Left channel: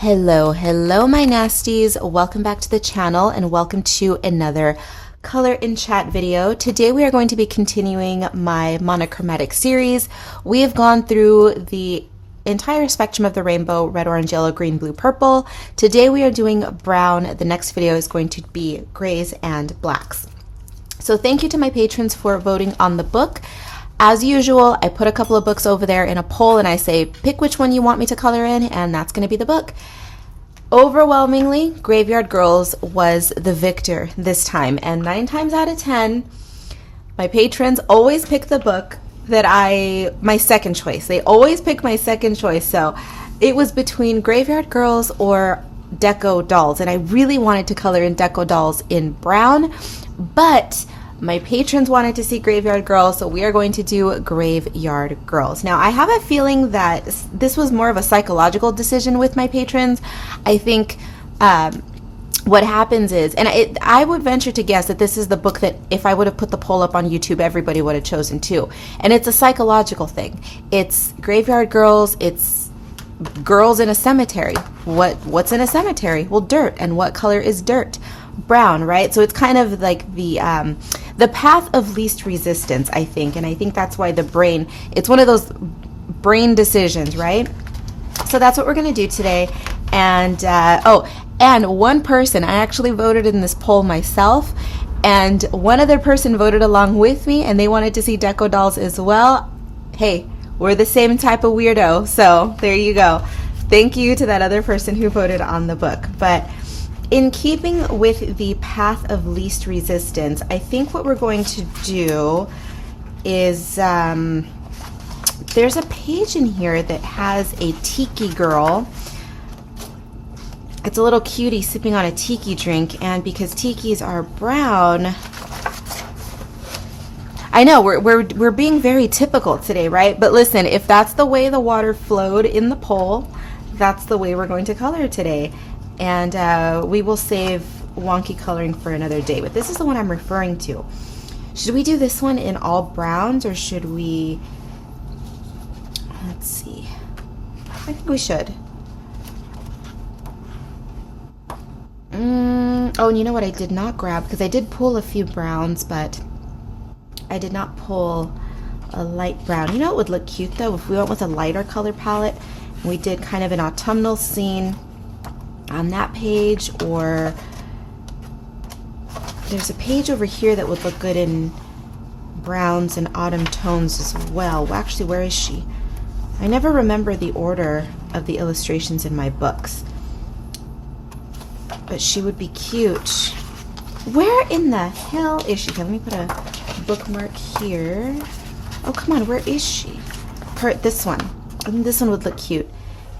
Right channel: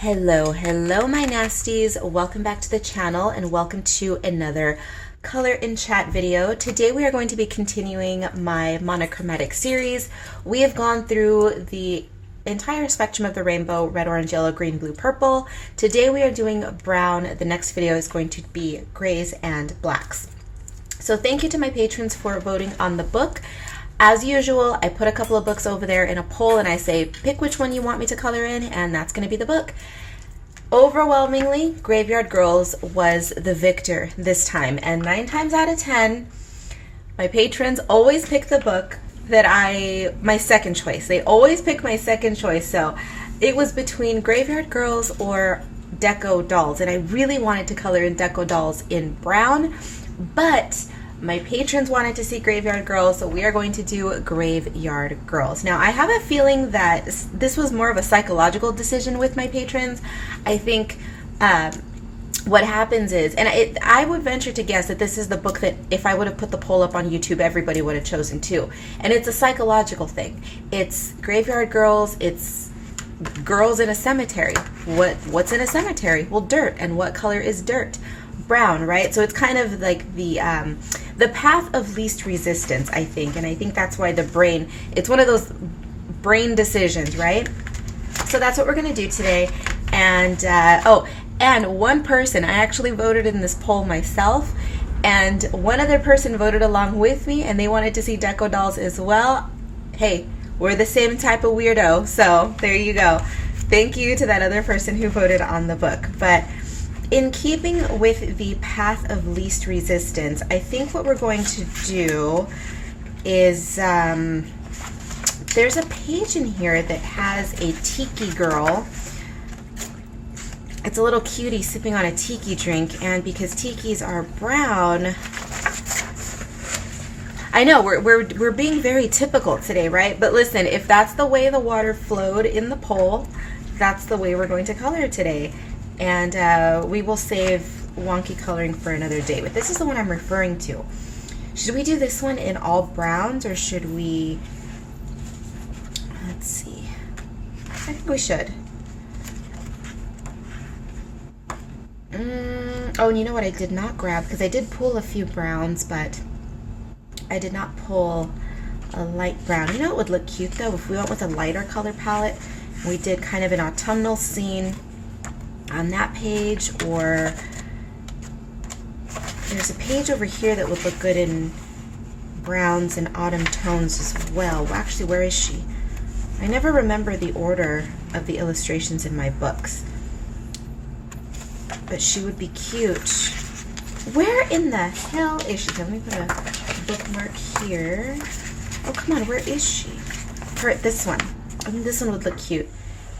Hello, hello my nasties. Welcome back to the channel and welcome to another color in chat video. Today we are going to be continuing my monochromatic series. We have gone through the entire spectrum of the rainbow: red, orange, yellow, green, blue, purple. Today we are doing brown. The next video is going to be grays and blacks. So thank you to my patrons for voting on the book. As usual, I put a couple of books over there in a poll and I say, pick which one you want me to color in, and that's going to be the book. Overwhelmingly, Graveyard Girls was the victor this time, and 9 times out of 10, my patrons always pick the book that my second choice. They always pick my second choice, so it was between Graveyard Girls or Deco Dolls, and I really wanted to color in Deco Dolls in brown, but my patrons wanted to see Graveyard Girls, so we are going to do Graveyard Girls. Now, I have a feeling that this was more of a psychological decision with my patrons. I think what happens is, and I would venture to guess that this is the book that if I would have put the poll up on YouTube, everybody would have chosen too. And it's a psychological thing. It's Graveyard Girls, it's girls in a cemetery. What's in a cemetery? Well, dirt. And what color is dirt? Brown, right? So it's kind of like the path of least resistance, I think, and I think that's why the brain, it's one of those brain decisions, right? So that's what we're going to do today. And and one person, I actually voted in this poll myself, and one other person voted along with me, and they wanted to see Deco Dolls as well. Hey, we're the same type of weirdo, so there you go. Thank you to that other person who voted on the book. But in keeping with the path of least resistance, I think what we're going to do is, there's a page in here that has a Tiki girl. It's a little cutie sipping on a Tiki drink, and because Tikis are brown, I know we're being very typical today, right? But listen, if that's the way the water flowed in the poll, that's the way we're going to color today. And we will save wonky coloring for another day. But this is the one I'm referring to. Should we do this one in all browns, or should we... Let's see. I think we should. Oh, and you know what I did not grab? Because I did pull a few browns, but I did not pull a light brown. You know what would look cute, though? If we went with a lighter color palette, and we did kind of an autumnal scene on that page, or there's a page over here that would look good in browns and autumn tones as well. Actually, where is she? I never remember the order of the illustrations in my books, but she would be cute. Where in the hell is she? Let me put a bookmark here. Oh, come on, where is she? This one. I think this one would look cute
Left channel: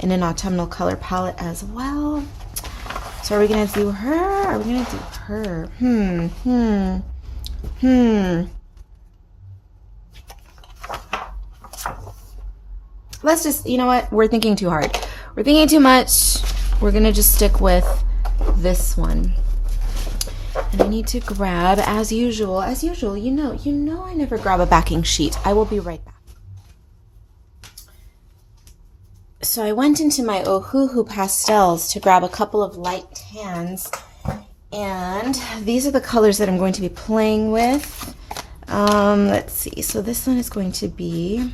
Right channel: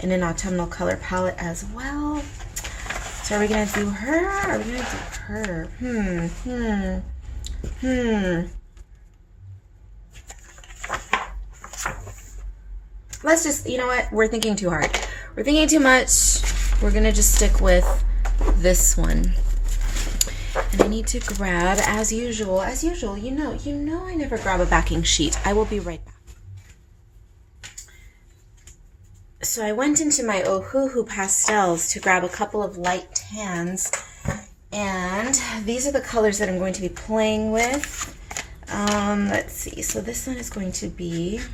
in an autumnal color palette as well. So are we gonna do her? Are we gonna do her? Let's just, you know what? We're thinking too hard. We're thinking too much. We're gonna just stick with this one. And I need to grab, as usual, you know I never grab a backing sheet. I will be right back. So I went into my Ohuhu pastels to grab a couple of light tans, and these are the colors that I'm going to be playing with. Let's see, so this one is going to be,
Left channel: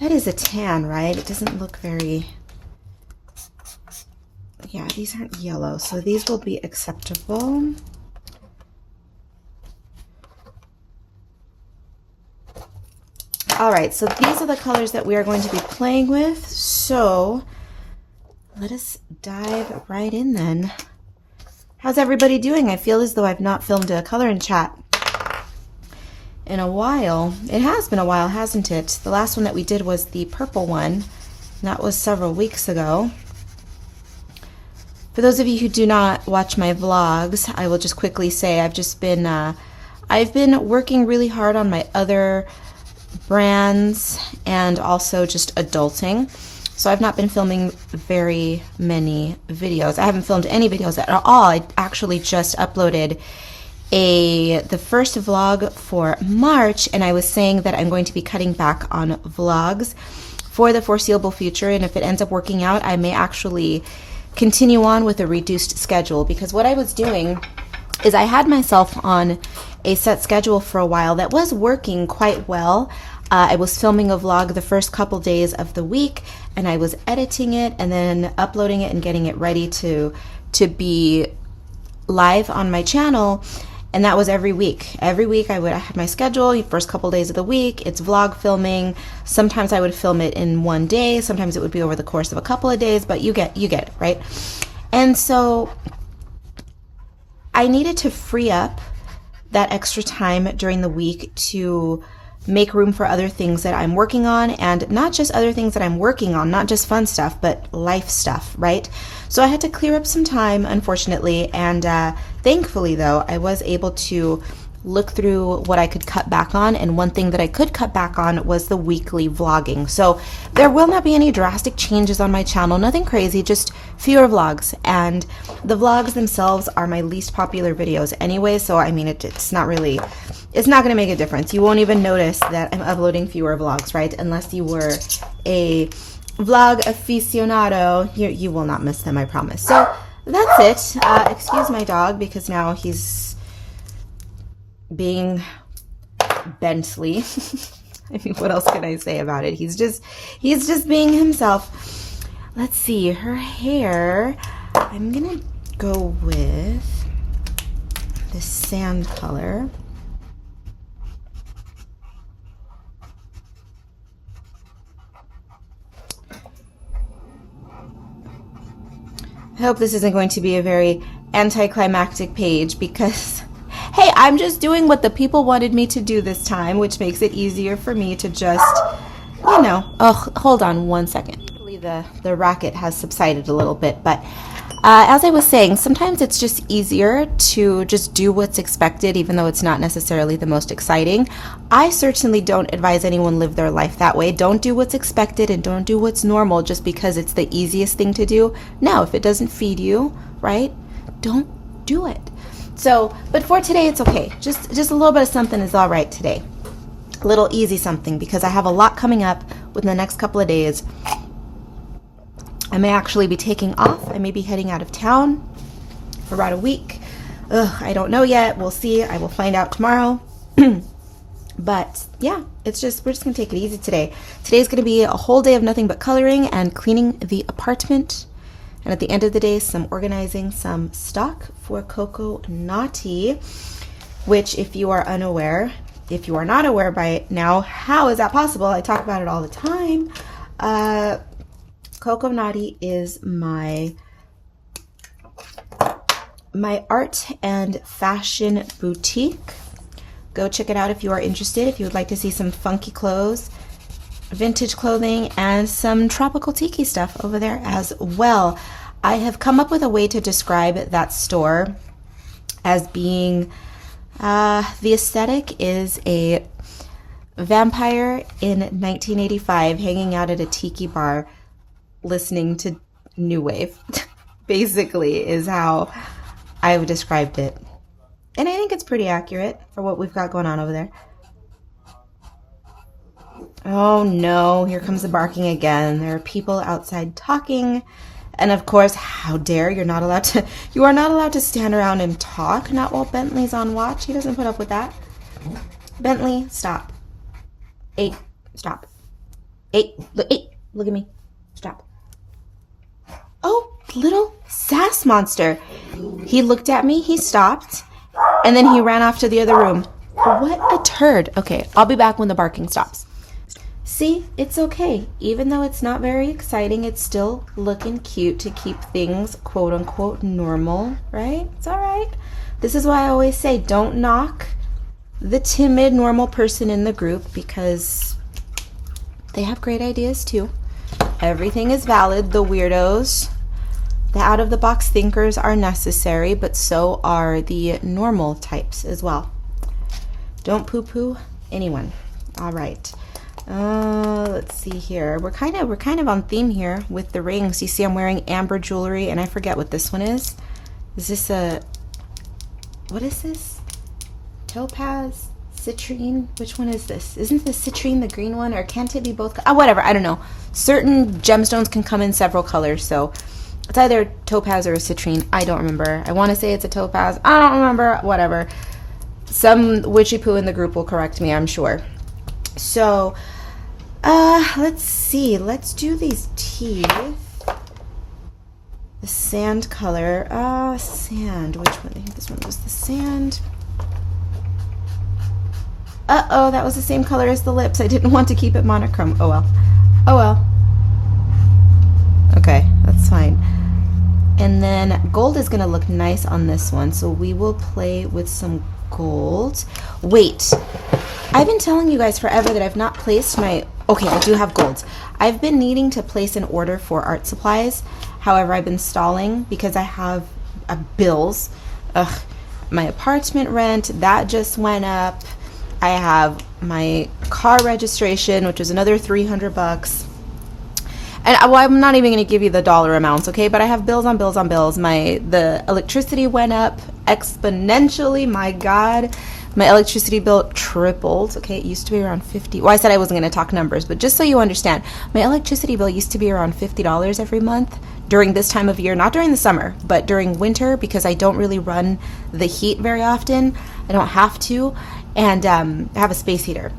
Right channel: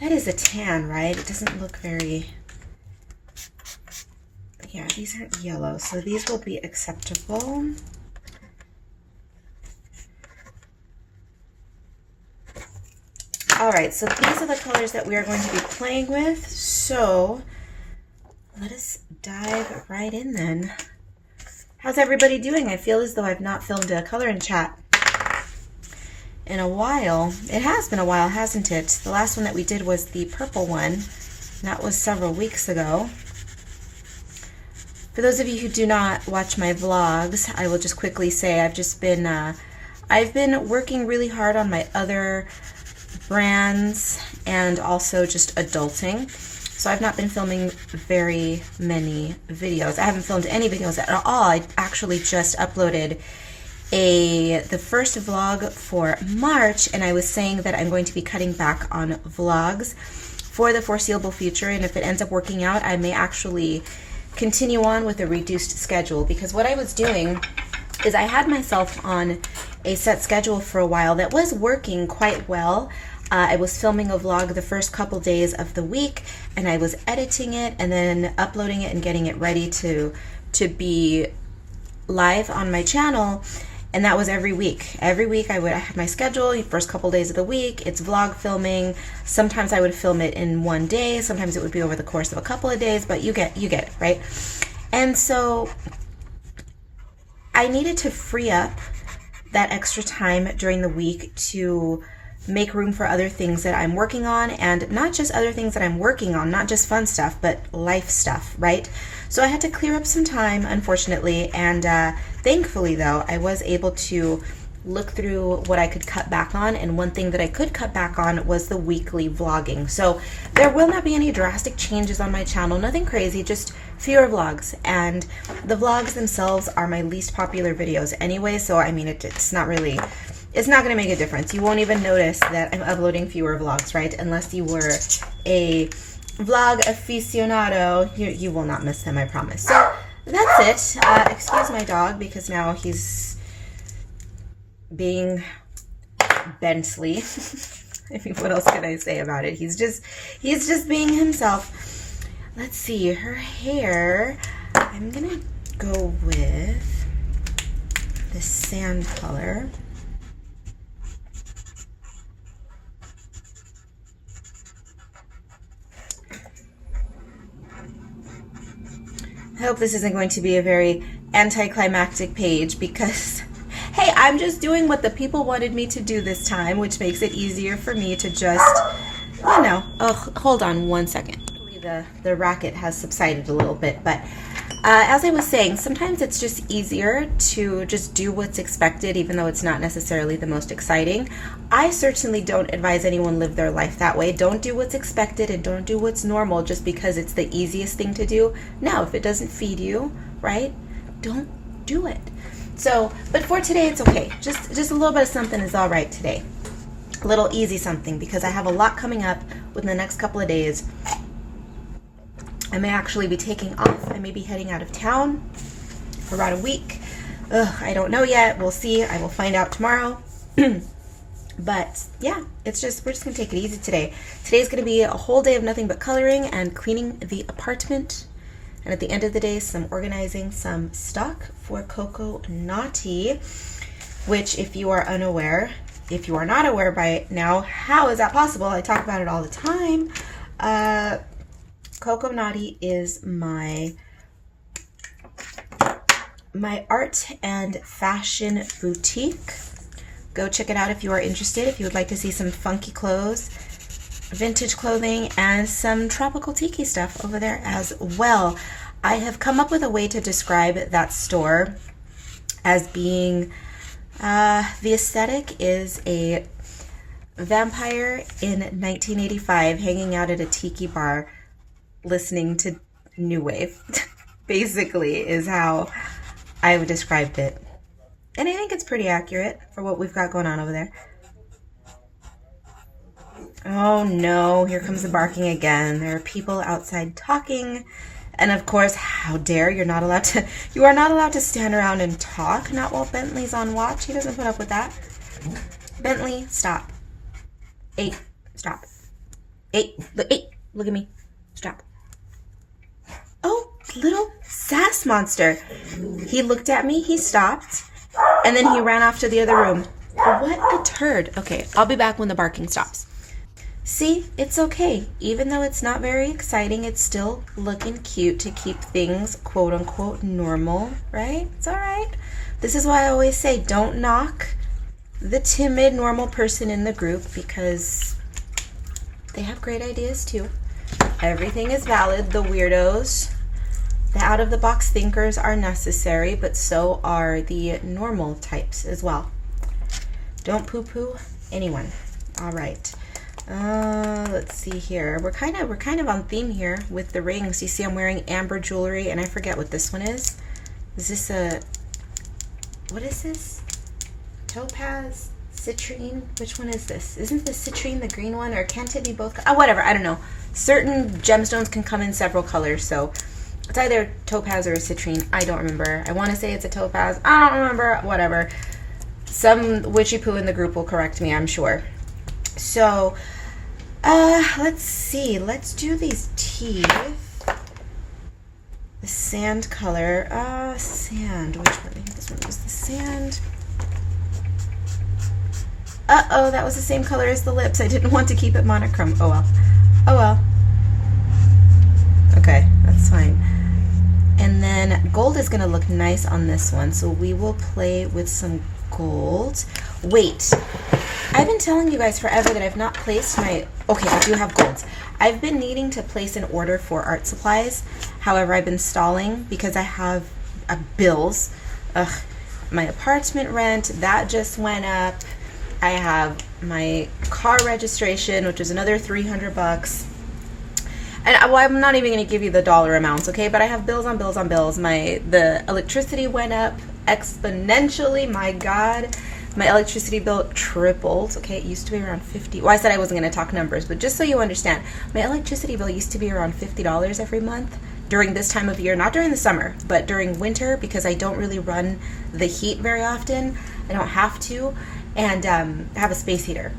that is a tan, right? It doesn't look very, yeah, these aren't yellow, so these will be acceptable. All right, so these are the colors that we are going to be playing with. So let us dive right in then. How's everybody doing? I feel as though I've not filmed a color in chat in a while. It has been a while, hasn't it? The last one that we did was the purple one, and that was several weeks ago. For those of you who do not watch my vlogs, I will just quickly say I've been working really hard on my other brands and also just adulting, so I've not been filming very many videos. I haven't filmed any videos at all. I actually just uploaded the first vlog for March, and I was saying that I'm going to be cutting back on vlogs for the foreseeable future. And if it ends up working out, I may actually continue on with a reduced schedule, because what I was doing is I had myself on a set schedule for a while that was working quite well. I was filming a vlog the first couple days of the week, and I was editing it and then uploading it and getting it ready to be live on my channel. And that was every week. Every week I had my schedule. First couple days of the week, it's vlog filming. Sometimes I would film it in one day. Sometimes it would be over the course of a couple of days, but you get it, right? And so I needed to free up that extra time during the week to make room for other things that I'm working on, and not just other things that I'm working on, not just fun stuff, but life stuff, right? So I had to clear up some time, unfortunately, and thankfully, though, I was able to look through what I could cut back on, and one thing that I could cut back on was the weekly vlogging. So there will not be any drastic changes on my channel, nothing crazy, just fewer vlogs. And the vlogs themselves are my least popular videos anyway, so I mean, it's not going to make a difference. You won't even notice that I'm uploading fewer vlogs, right? Unless you were a vlog aficionado, you will not miss them, I promise. So that's it. Excuse my dog, because now he's being Bentley. I mean, what else can I say about it? He's just being himself. Let's see, her hair, I'm gonna go with this sand color. I hope this isn't going to be a very anticlimactic page, because hey, I'm just doing what the people wanted me to do this time, which makes it easier for me to just, you know, oh, hold on one second. The racket has subsided a little bit, but as I was saying, sometimes it's just easier to just do what's expected, even though it's not necessarily the most exciting. I certainly don't advise anyone live their life that way. Don't do what's expected and don't do what's normal just because it's the easiest thing to do. No, if it doesn't feed you, right, don't do it. So, but for today, it's okay. Just a little bit of something is all right today. A little easy something, because I have a lot coming up within the next couple of days. I may actually be taking off. I may be heading out of town for about a week. I don't know yet. We'll see. I will find out tomorrow. But yeah, we're just gonna take it easy today. Today's gonna be a whole day of nothing but coloring and cleaning the apartment. And at the end of the day, some organizing some stock for Coco Naughty, which, if you are unaware, if you are not aware by now, how is that possible? I talk about it all the time. Coco Naughty is my art and fashion boutique. Go check it out if you are interested, if you would like to see some funky clothes, vintage clothing, and some tropical tiki stuff over there as well. I have come up with a way to describe that store as being, the aesthetic is a vampire in 1985 hanging out at a tiki bar listening to new wave, basically, is how I've described it. And I think it's pretty accurate for what we've got going on over there. Oh no, here comes the barking again. There are people outside talking. And of course, how dare, you are not allowed to stand around and talk, not while Bentley's on watch. He doesn't put up with that. Bentley, stop. Stop. Look at me. Stop. Oh, little sass monster. He looked at me, he stopped, and then he ran off to the other room. What a turd. Okay, I'll be back when the barking stops. See, it's okay. Even though it's not very exciting, it's still looking cute to keep things quote unquote normal, right? It's all right. This is why I always say don't knock the timid, normal person in the group, because they have great ideas too. Everything is valid. The weirdos, the out-of-the-box thinkers are necessary, but so are the normal types as well. Don't poo-poo anyone. All right. Let's see here. We're kind of on theme here with the rings. You see I'm wearing amber jewelry, and I forget what this one is. Is this what is this? Topaz? citrine? Which one is this? Isn't the citrine the green one, or can't it be both? Oh, whatever, I don't know. Certain gemstones can come in several colors, so it's either topaz or a citrine. I don't remember. I want to say it's a topaz. I don't remember. Whatever. Some witchy poo in the group will correct me, I'm sure. So, let's see. Let's do these teeth. The sand color. Sand. Which one? I think this one was the sand. Uh-oh, that was the same color as the lips. I didn't want to keep it monochrome. Oh well. Oh well. Okay, that's fine. And then gold is going to look nice on this one, so we will play with some gold. Wait, I've been telling you guys forever that I've not placed my... Okay, I do have gold. I've been needing to place an order for art supplies. However, I've been stalling because I have bills. Ugh, my apartment rent, that just went up. I have my car registration, which is another $300. And well, I'm not even going to give you the dollar amounts, okay? But I have bills on bills on bills. The electricity went up exponentially. My God, my electricity bill tripled. Okay, it used to be around 50. Well, I said I wasn't going to talk numbers, but just so you understand, my electricity bill used to be around $50 every month during this time of year. Not during the summer, but during winter, because I don't really run the heat very often. I don't have to, and I have a space heater,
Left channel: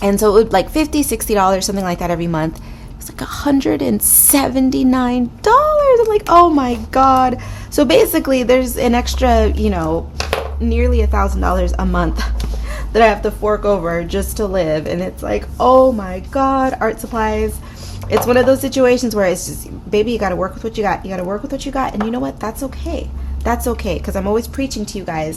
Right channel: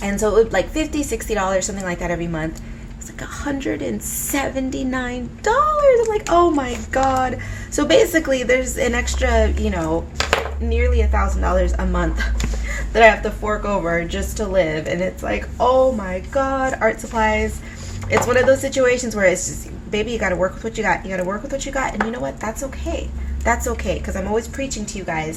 and so it would like $50, $60, something like that every month. It's like $179. I'm like, oh my God. So basically there's an extra, you know, nearly $1,000 a month that I have to fork over just to live. And it's like, oh my God, art supplies. It's one of those situations where it's just, baby, you got to work with what you got. You got to work with what you got. And you know what? That's okay. That's okay. Because I'm always preaching to you guys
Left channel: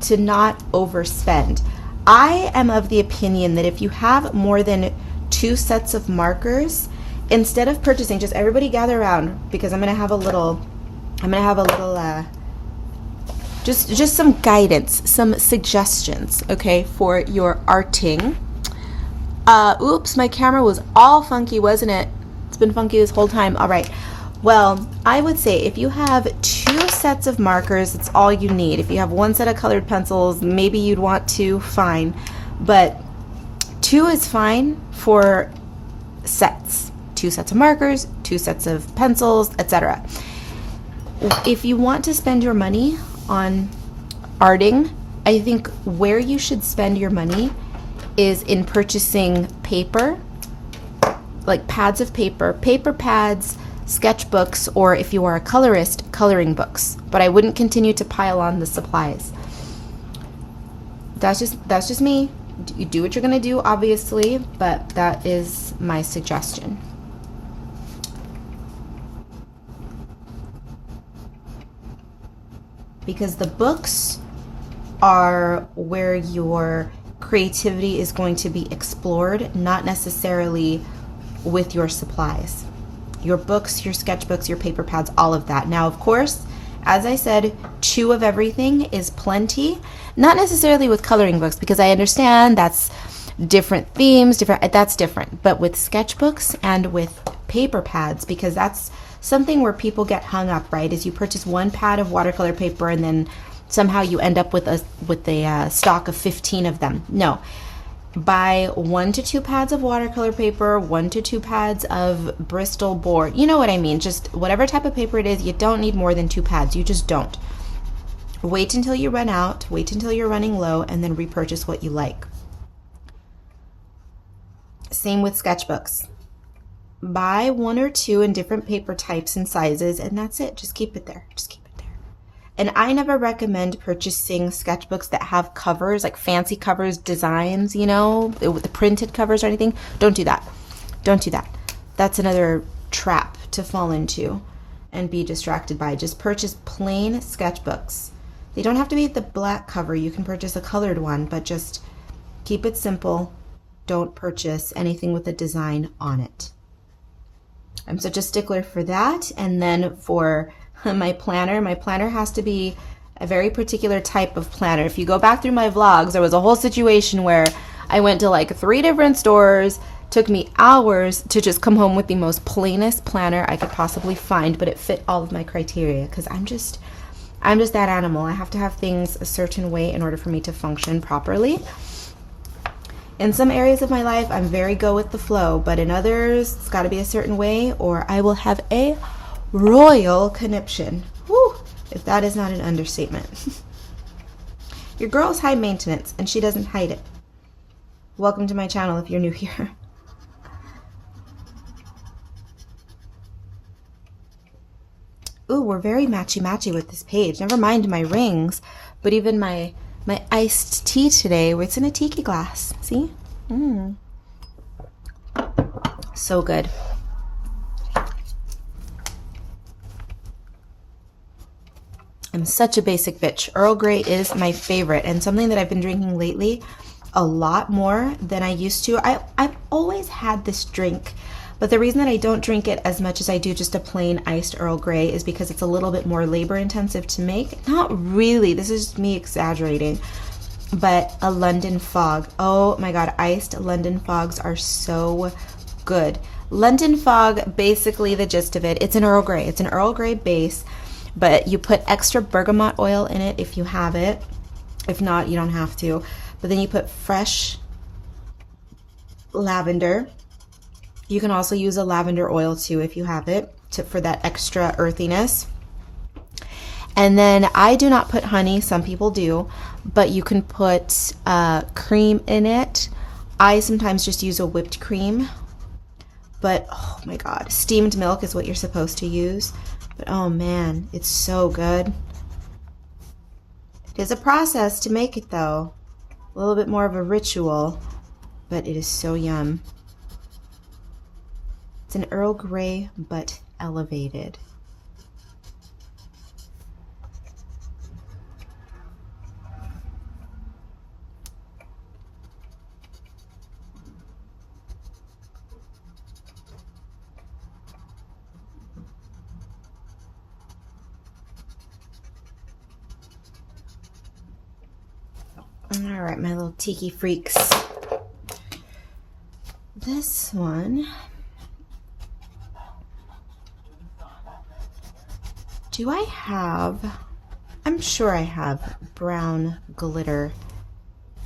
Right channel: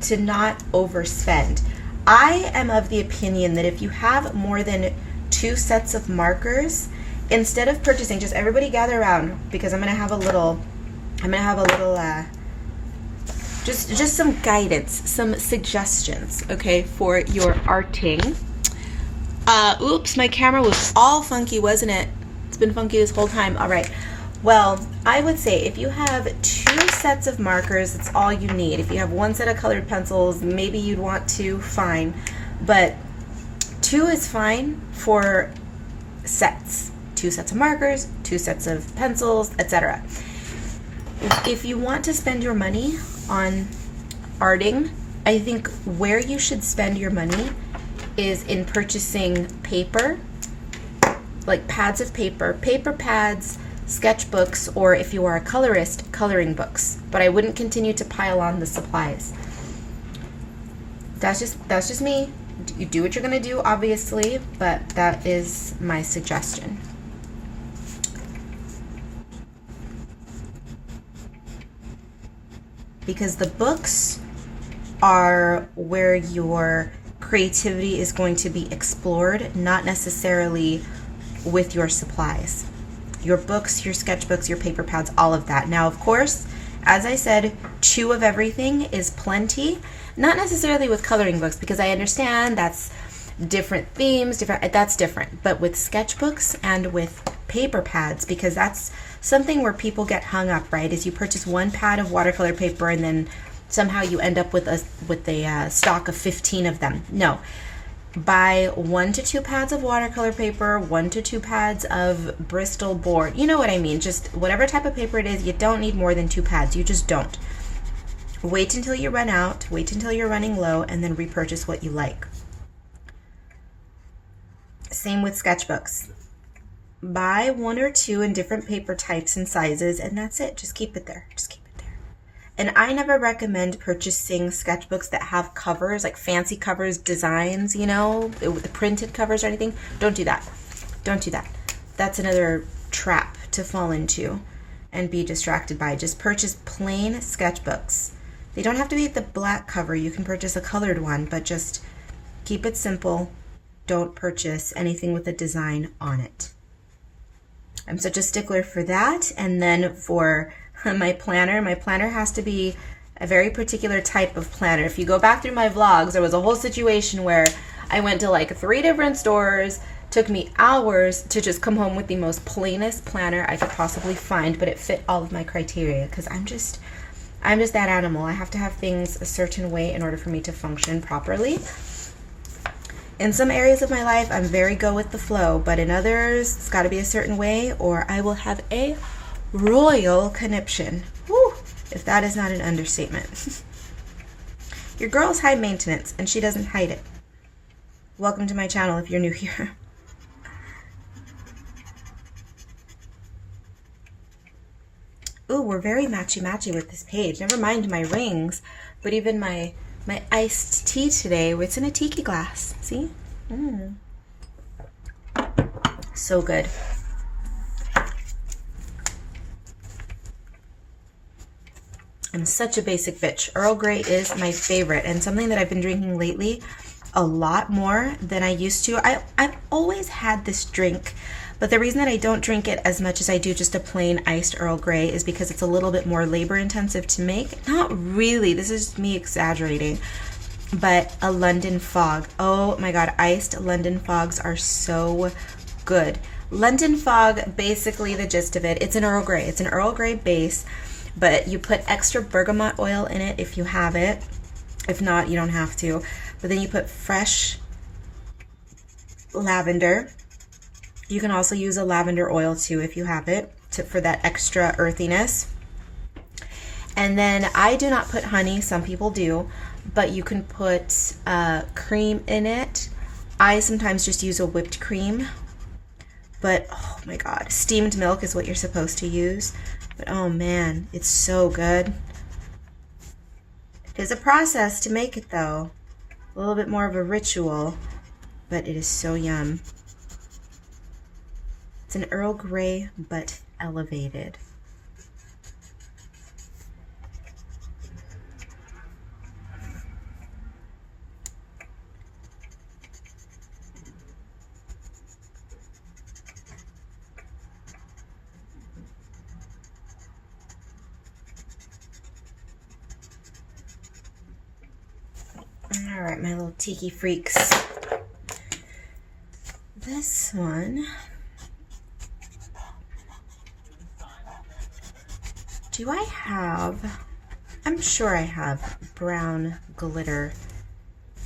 to not overspend. I am of the opinion that if you have more than 2 sets of markers, instead of purchasing, just everybody gather around, because I'm gonna have a little just some guidance, some suggestions, okay, for your arting. Oops, my camera was all funky, wasn't it? It's been funky this whole time. All right, well, I would say if you have 2 sets of markers, it's all you need. If you have 1 set of colored pencils, maybe you'd want 2, fine, but 2 is fine for sets. 2 sets of markers, 2 sets of pencils, etc. If you want to spend your money on arting, I think where you should spend your money is in purchasing paper, like pads of paper, paper pads, sketchbooks, or if you are a colorist, coloring books. But I wouldn't continue to pile on the supplies. That's just me. You do what you're going to do, obviously, but that is my suggestion. Because the books are where your creativity is going to be explored, not necessarily with your supplies. Your books, your sketchbooks, your paper pads, all of that. Now, of course, as I said, 2 of everything is plenty. Not necessarily with coloring books, because I understand that's different themes, that's different. But with sketchbooks and with paper pads, because that's something where people get hung up, right? Is you purchase 1 pad of watercolor paper and then somehow you end up with a stock of 15 of them. No. Buy 1 to 2 pads of watercolor paper, 1 to 2 pads of Bristol board. You know what I mean? Just whatever type of paper it is, you don't need more than 2 pads. You just don't. Wait until you run out, wait until you're running low, and then repurchase what you like. Same with sketchbooks. Buy 1 or 2 in different paper types and sizes, and that's it. Just keep it there. Just keep it there. And I never recommend purchasing sketchbooks that have covers, like fancy covers, designs, you know, with the printed covers or anything. Don't do that. Don't do that. That's another trap to fall into and be distracted by. Just purchase plain sketchbooks. They don't have to be the black cover. You can purchase a colored one, but just keep it simple. Don't purchase anything with a design on it. I'm such a stickler for that. And then for my planner has to be a very particular type of planner. If you go back through my vlogs, there was a whole situation where I went to like 3 different stores. Took me hours to just come home with the most plainest planner I could possibly find, but it fit all of my criteria, because I'm just that animal. I have to have things a certain way in order for me to function properly. In some areas of my life, I'm very go with the flow, but in others, it's got to be a certain way or I will have a royal conniption. Whew, if that is not an understatement. Your girl's high maintenance and she doesn't hide it. Welcome to my channel if you're new here. Ooh, we're very matchy-matchy with this page. Never mind my rings, but even my iced tea today, it's in a tiki glass. See? So good. I'm such a basic bitch. Earl Grey is my favorite and something that I've been drinking lately a lot more than I used to. I've always had this drink, but the reason that I don't drink it as much as I do just a plain iced Earl Grey is because it's a little bit more labor intensive to make. Not really, this is just me exaggerating, but a London Fog. Oh my God, iced London Fogs are so good. London Fog, basically the gist of it, it's an Earl Grey. It's an Earl Grey base, but you put extra bergamot oil in it if you have it. If not, you don't have to. But then you put fresh lavender. You can also use a lavender oil too if you have it for that extra earthiness. And then I do not put honey, some people do, but you can put cream in it. I sometimes just use a whipped cream, but oh my God, steamed milk is what you're supposed to use. But oh man, it's so good. It is a process to make it though. A little bit more of a ritual, but it is so yum. It's an Earl Grey, but elevated. All right, my little tiki freaks. This one, do I have, I'm sure I have brown glitter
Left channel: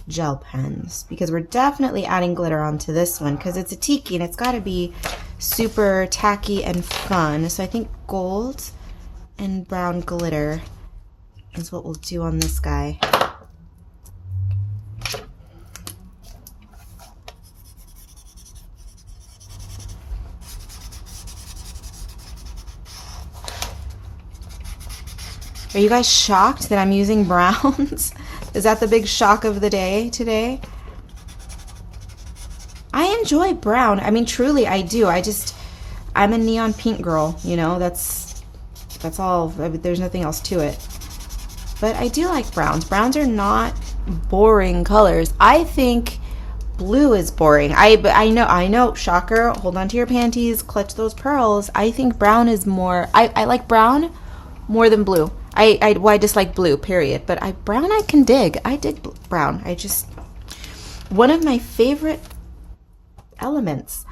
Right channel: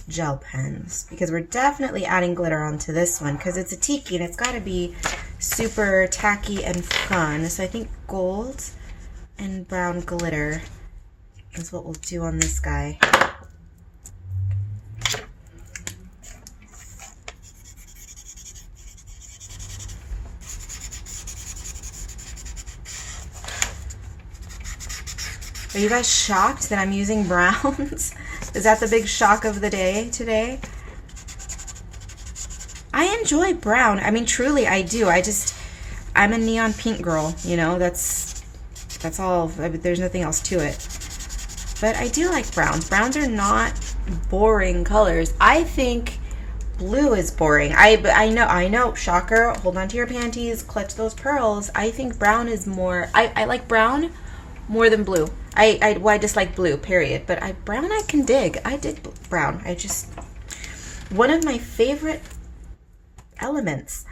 gel pens because we're definitely adding glitter onto this one because it's a tiki and it's got to be super tacky and fun. So I think gold and brown glitter is what we'll do on this guy. Are you guys shocked that I'm using browns? Is that the big shock of the day today? I enjoy brown. I mean, truly, I do. I'm a neon pink girl, you know, that's all. There's nothing else to it. But I do like browns. Browns are not boring colors. I think blue is boring. I know, shocker. Hold on to your panties, clutch those pearls. I think brown is more, I like brown more than blue. I dislike blue, period. But brown I can dig. I dig brown. One of my favorite elements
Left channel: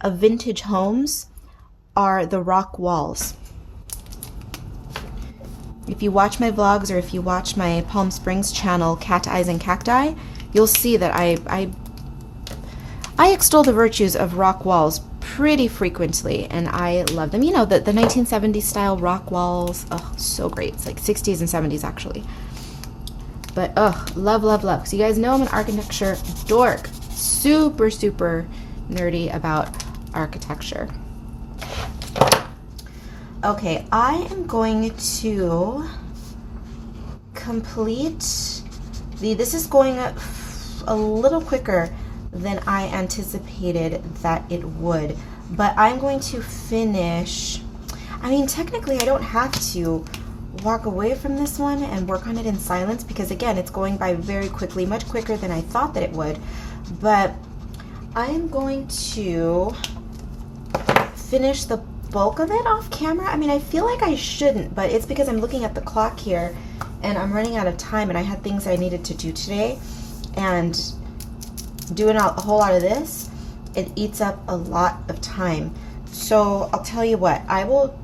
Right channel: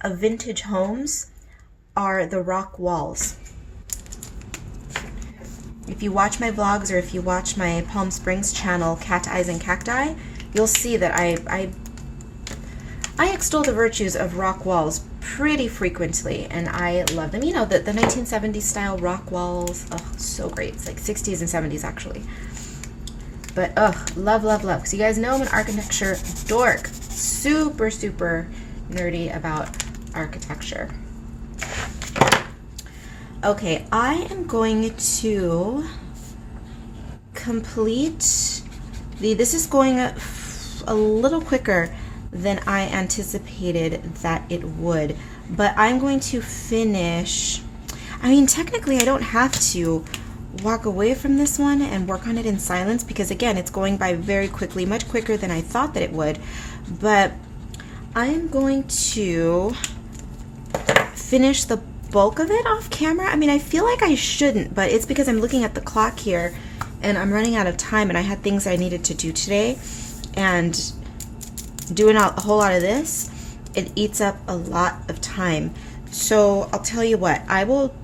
of vintage homes are the rock walls. If you watch my vlogs or if you watch my Palm Springs channel, Cat Eyes and Cacti, you'll see that I extol the virtues of rock walls pretty frequently, and I love them. You know, the 1970s style rock walls. Oh, so great. It's like 60s and 70s actually. But love, love, love. So you guys know I'm an architecture dork. Super, super nerdy about architecture. Okay, I am going to complete this is going a little quicker than I anticipated that it would, but I'm going to finish. I mean, technically I don't have to walk away from this one and work on it in silence because again, it's going by very quickly, much quicker than I thought that it would, but I am going to finish the bulk of it off camera. I mean, I feel like I shouldn't, but it's because I'm looking at the clock here and I'm running out of time and I had things I needed to do today, and doing a whole lot of this, it eats up a lot of time. So I'll tell you what, I will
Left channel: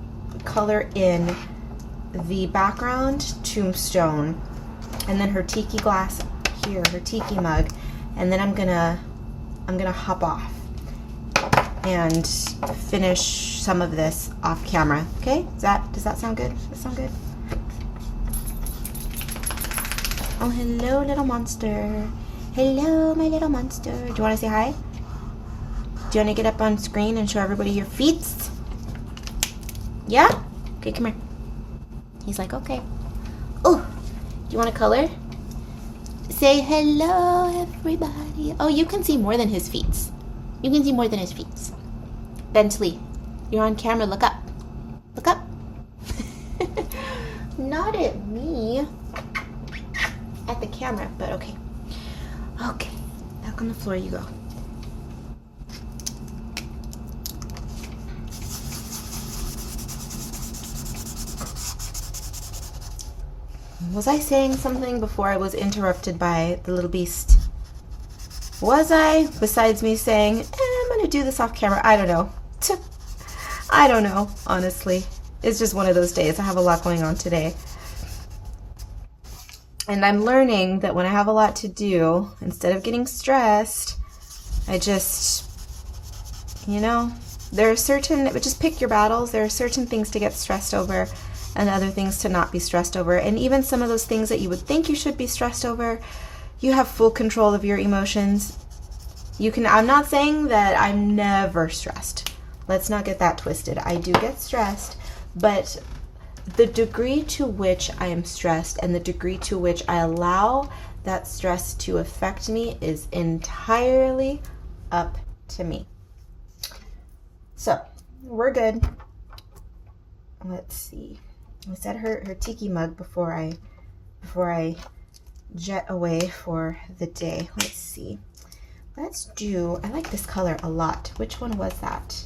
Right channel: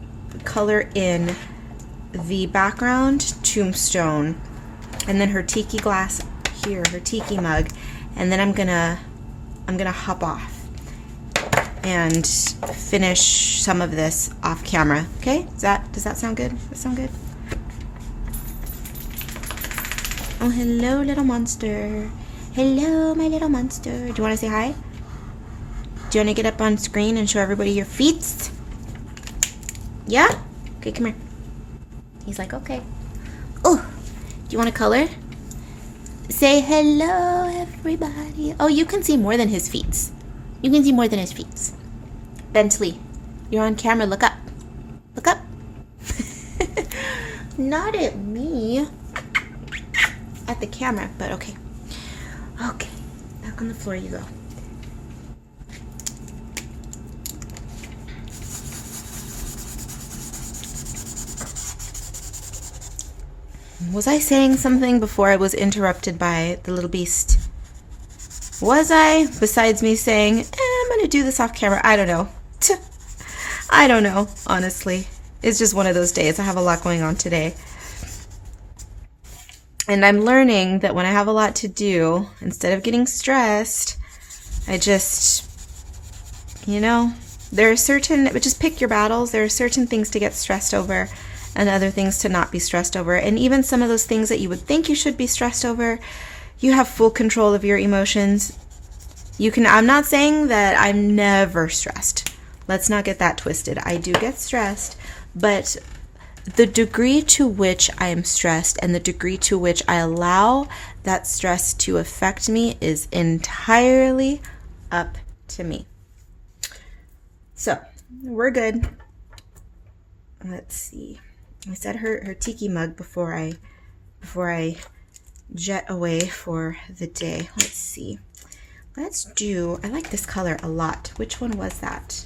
color in the background tombstone and then her tiki glass here, her tiki mug, and then I'm gonna I'm gonna hop off and finish some of this off camera. Okay? Does that sound good? Does that sound good? Oh, hello, little monster. Hello, my little monster. Do you want to say hi? Do you want to get up on screen and show everybody your feet? Yeah? Okay, come here. He's like, okay. Oh, do you want to color? Say hello, everybody. Oh, you can see more than his feet. You can see more than his feet. Bentley, you're on camera. Look up. Look up. Not at me. At the camera, but okay. Okay, back on the floor you go. Was I saying something before I was interrupted by the little beast? Was I? Besides me saying, I'm going to do this off camera. I don't know. I don't know, honestly. It's just one of those days. I have a lot going on today. And I'm learning that when I have a lot to do, instead of getting stressed, I just, there are certain, but just pick your battles. There are certain things to get stressed over and other things to not be stressed over. And even some of those things that you would think you should be stressed over, you have full control of your emotions. I'm not saying that I'm never stressed. Let's not get that twisted. I do get stressed, but the degree to which I am stressed and the degree to which I allow that stress to affect me is entirely up to me. So, we're good. Let's see. I said her Tiki mug before I jet away for the day. Let's see. I like this color a lot. Which one was that?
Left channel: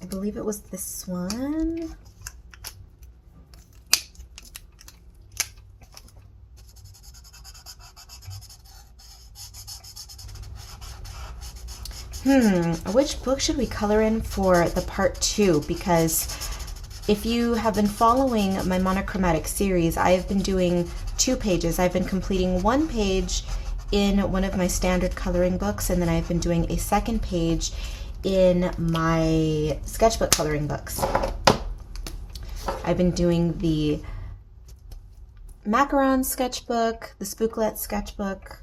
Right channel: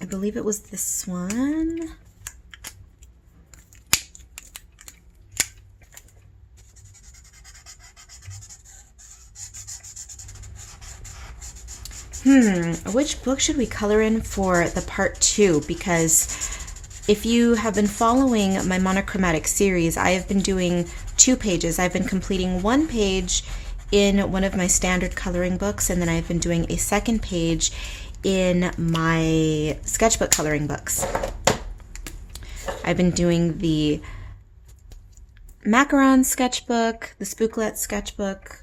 I believe it was this one. Which book should we color in for the part 2? Because if you have been following my monochromatic series, I have been doing 2 pages. I've been completing 1 page in one of my standard coloring books, and then I've been doing a 2nd page in my sketchbook coloring books. I've been doing the macaron sketchbook, the spooklet sketchbook.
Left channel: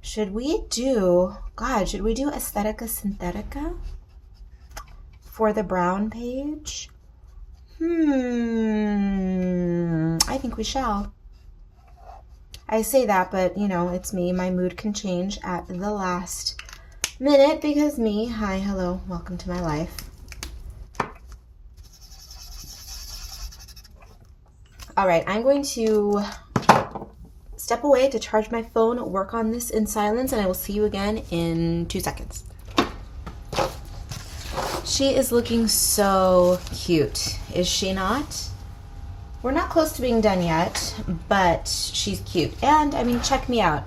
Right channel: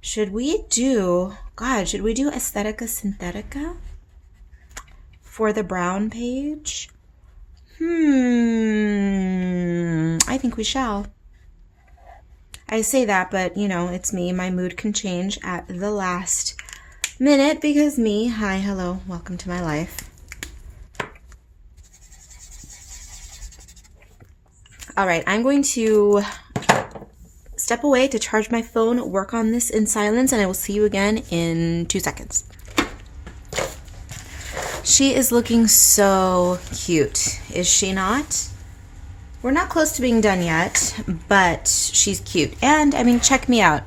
Should we do Aesthetica Synthetica for the brown page? I think we shall. I say that, but it's me. My mood can change at the last minute because me. Hi, hello, welcome to my life. All right, I'm going to step away to charge my phone, work on this in silence, and I will see you again in 2 seconds. She is looking so cute, is she not? We're not close to being done yet, but she's cute. And, check me out.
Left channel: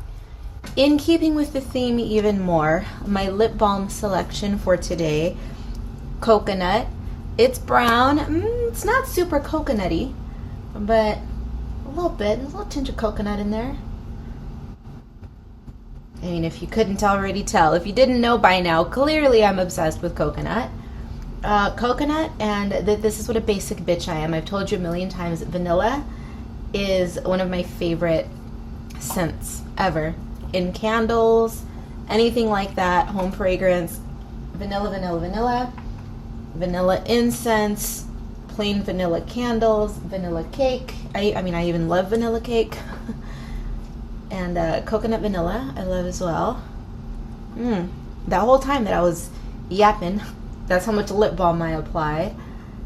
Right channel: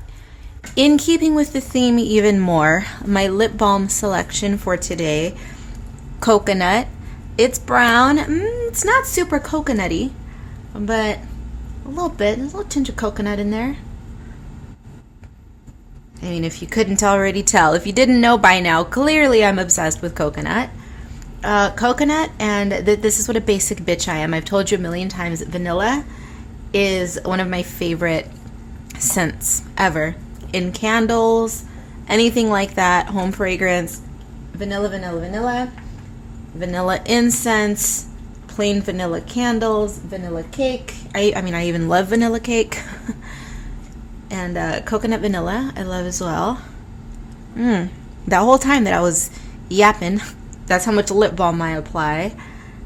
In keeping with the theme even more, my lip balm selection for today, coconut. It's brown. It's not super coconutty, but a little bit. There's a little tinge of coconut in there. If you couldn't already tell, if you didn't know by now, clearly I'm obsessed with coconut. Coconut, and this is what a basic bitch I am. I've told you a million times, vanilla is one of my favorite scents ever. In candles, anything like that, home fragrance, vanilla, vanilla, vanilla, vanilla incense, plain vanilla candles, vanilla cake. I even love vanilla cake. And coconut vanilla, I love as well. That whole time that I was yapping, that's how much lip balm I apply.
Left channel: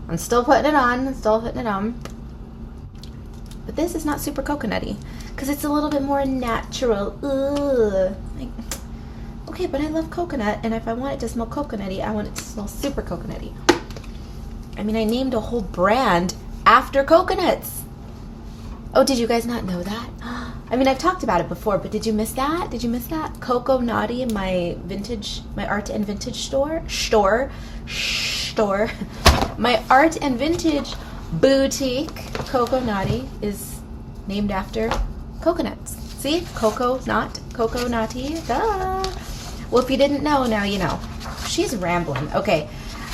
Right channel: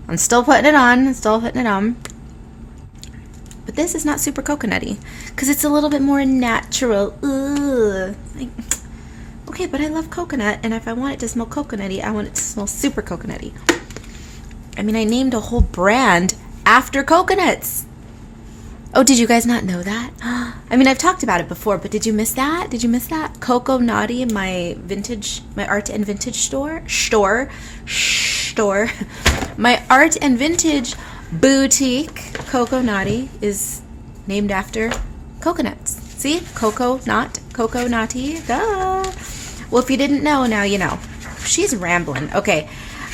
I'm still putting it on, But this is not super coconutty, because it's a little bit more natural. Okay, but I love coconut, and if I want it to smell coconutty, I want it to smell super coconutty. I named a whole brand after coconuts. Oh, did you guys not know that? I've talked about it before, but did you miss that? Coco Naughty, my art and vintage store. My art and vintage boutique, Coco Naughty, is named after coconuts. See? Coco, not Coco Naughty. Duh. Well, if you didn't know, now you know. She's rambling. Okay,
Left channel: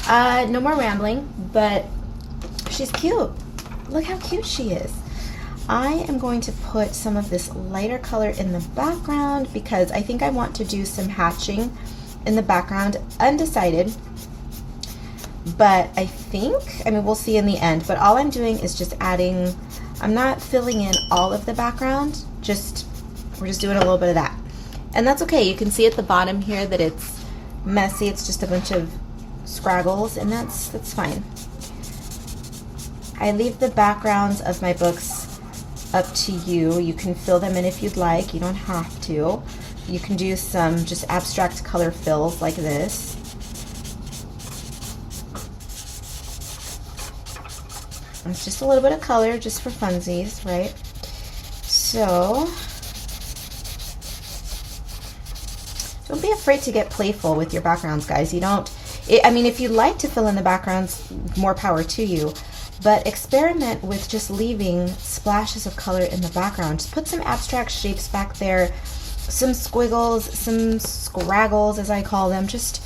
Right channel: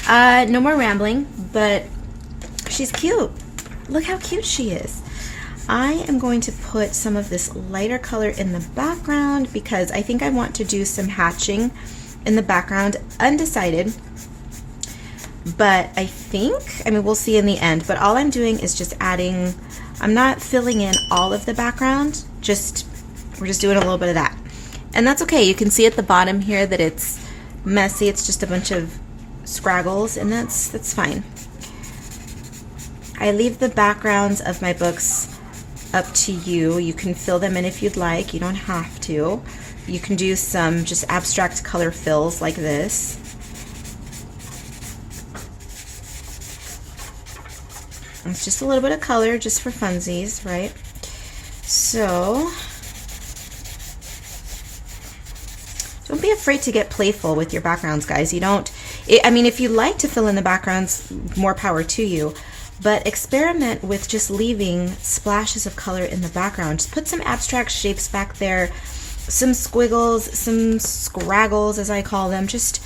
no more rambling, but she's cute. Look how cute she is. I am going to put some of this lighter color in the background because I think I want to do some hatching in the background. Undecided, but I mean, we'll see in the end, but all I'm doing is just adding, I'm not filling in all of the background, we're just doing a little bit of that. And that's okay. You can see at the bottom here that it's messy. It's just a bunch of scraggles, and that's fine. I leave the backgrounds of my books up to you. You can fill them in if you'd like. You don't have to. You can do some just abstract color fills like this. It's just a little bit of color just for funsies, right? So don't be afraid to get playful with your backgrounds, guys. I mean, if you like to fill in the backgrounds, more power to you. But experiment with just leaving splashes of color in the background. Just put some abstract shapes back there, some squiggles, some scraggles, as I call them. Just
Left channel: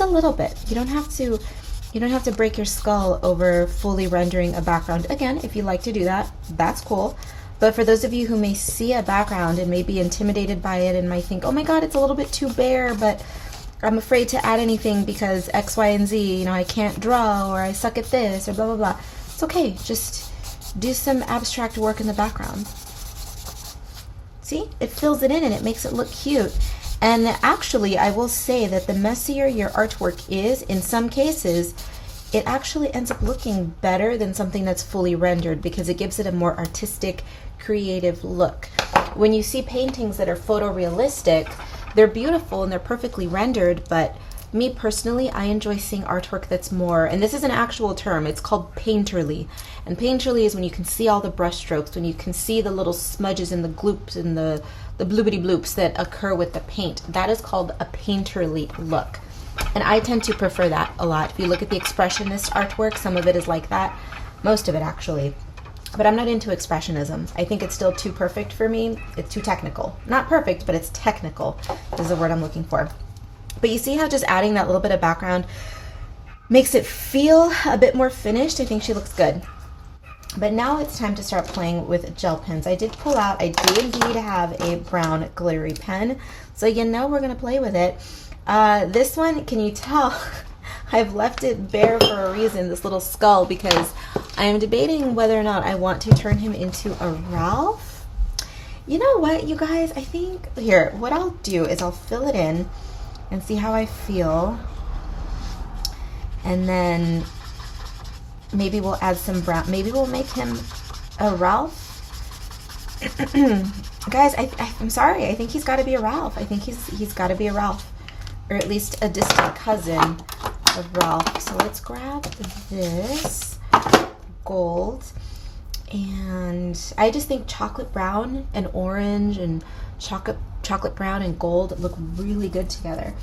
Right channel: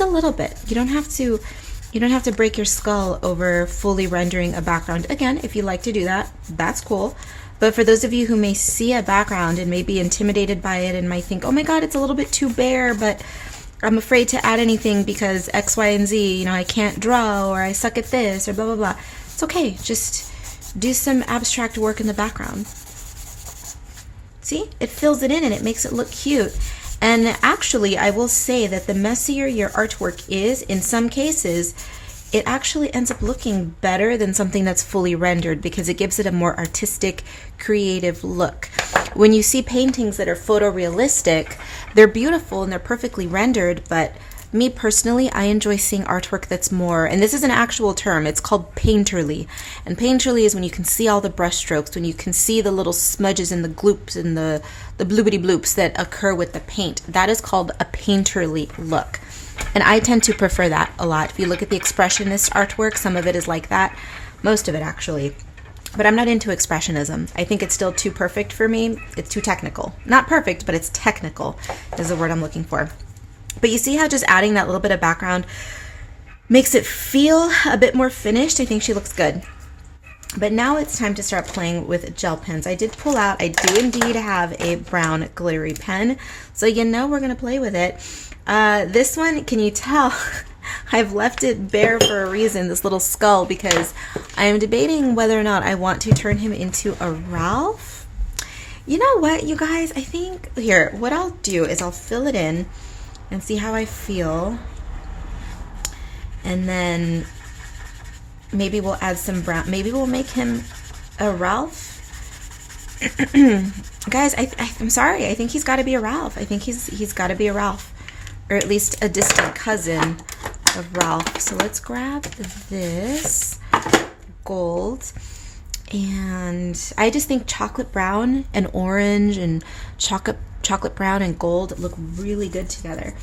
a little bit. You don't have to break your skull over fully rendering a background. Again, if you like to do that, that's cool. But for those of you who may see a background and may be intimidated by it and might think, oh my God, it's a little bit too bare, but I'm afraid to add anything because X, Y, and Z, I can't draw, or I suck at this, or blah, blah, blah. It's okay. Just do some abstract work in the background. See? It fills it in and it makes it look cute. And actually, I will say that the messier your artwork is, in some cases, it actually ends up looking better than something that's fully rendered because it gives it a more artistic, creative look. When you see paintings that are photorealistic, they're beautiful and they're perfectly rendered, but me personally, I enjoy seeing artwork that's more, and this is an actual term, it's called painterly. And painterly is when you can see all the brush strokes, when you can see the little smudges and the gloops and the bloopity bloops that occur with the paint. That is called a painterly look. And I tend to prefer that a lot. If you look at the expressionist artwork, some of it is like that. Most of it, actually. But I'm not into expressionism. I think it's still too perfect for me. It's too technical. Not perfect, but it's technical is the word I'm looking for. But you see how just adding that little bit of background makes it feel a bit more finished? I think she looks good. But now it's time to start playing with gel pens. I did pull out, I do indeed have a brown glittery pen. So we're going to play with it. This one, can you tell? I've left it bare for a reason, this little skull, because I am debating whether or not I want to turn him into a Ralph. You know what, you guys? I think, here, what I'll do is I'll fill it in and see how I feel. And then maybe we'll add some brown. Maybe we'll make him a Ralph. Guys, I'm sorry. I think he's got to be a Ralph. I think he's got to be a Ralph. Or at least a distant cousin of Ralph. So let's grab this gold. And I just think chocolate brown and orange and chocolate brown and gold look really good together.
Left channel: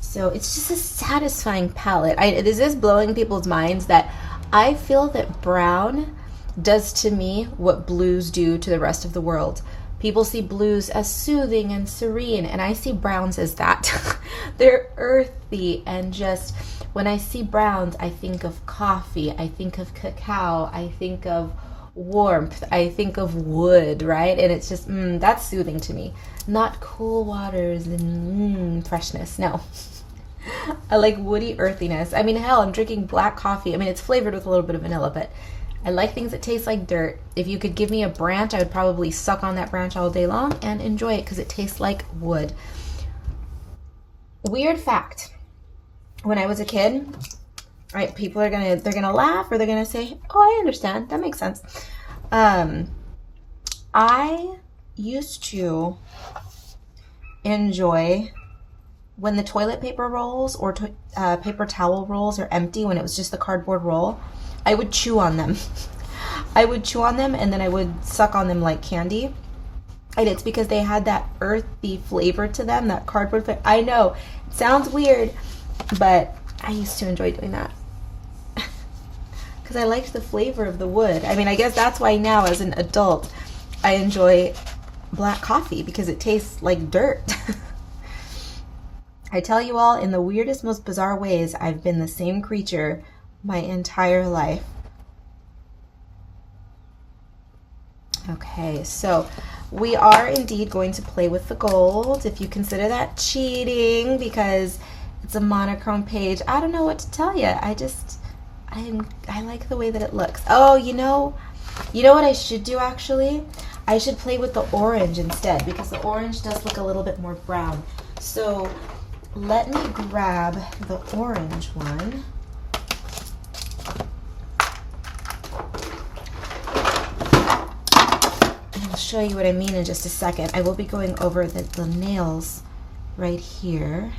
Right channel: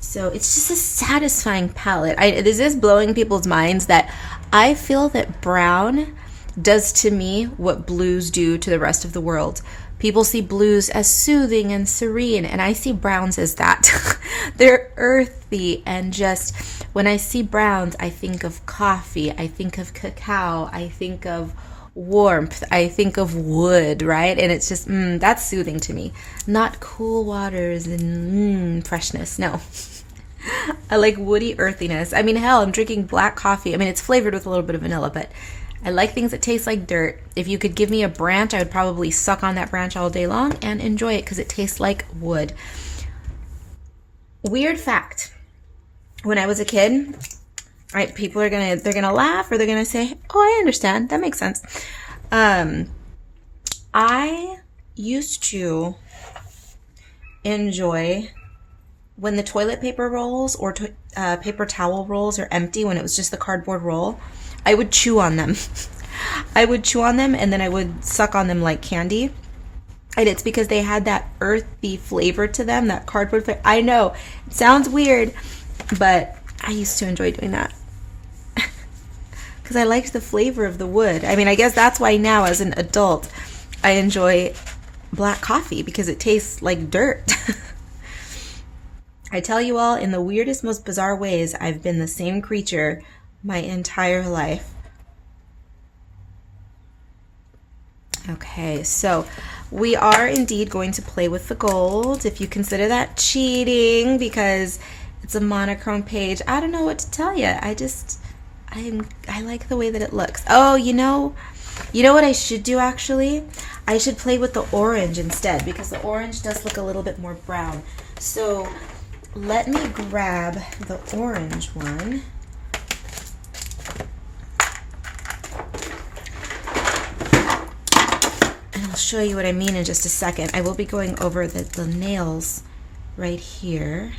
So it's just a satisfying palette. This is blowing people's minds that I feel that brown does to me what blues do to the rest of the world. People see blues as soothing and serene, and I see browns as that. They're earthy, and just when I see browns, I think of coffee, I think of cacao, I think of warmth, I think of wood, right? And it's just, that's soothing to me. Not cool waters and freshness, no. I like woody earthiness. I mean, hell, I'm drinking black coffee. I mean, it's flavored with a little bit of vanilla, but I like things that taste like dirt. If you could give me a branch, I would probably suck on that branch all day long and enjoy it because it tastes like wood. Weird fact. When I was a kid, right, people they're gonna laugh or they're gonna say, oh, I understand. That makes sense. I used to enjoy when the toilet paper rolls or paper towel rolls are empty, when it was just the cardboard roll, I would chew on them. I would chew on them and then I would suck on them like candy. And it's because they had that earthy flavor to them, that cardboard flavor. I know, it sounds weird, but I used to enjoy doing that. Because I liked the flavor of the wood. I mean, I guess that's why now as an adult, I enjoy black coffee because it tastes like dirt. I tell you all, in the weirdest, most bizarre ways, I've been the same creature my entire life. Okay, so we are indeed going to play with the gold. If you consider that cheating because it's a monochrome page, I don't know what to tell you. I like the way that it looks. Oh, you know what I should do actually? I should play with the orange instead because the orange does look a little bit more brown. So let me grab the orange one. And I'll show you what I mean in just a second. I will be going over the nails right here.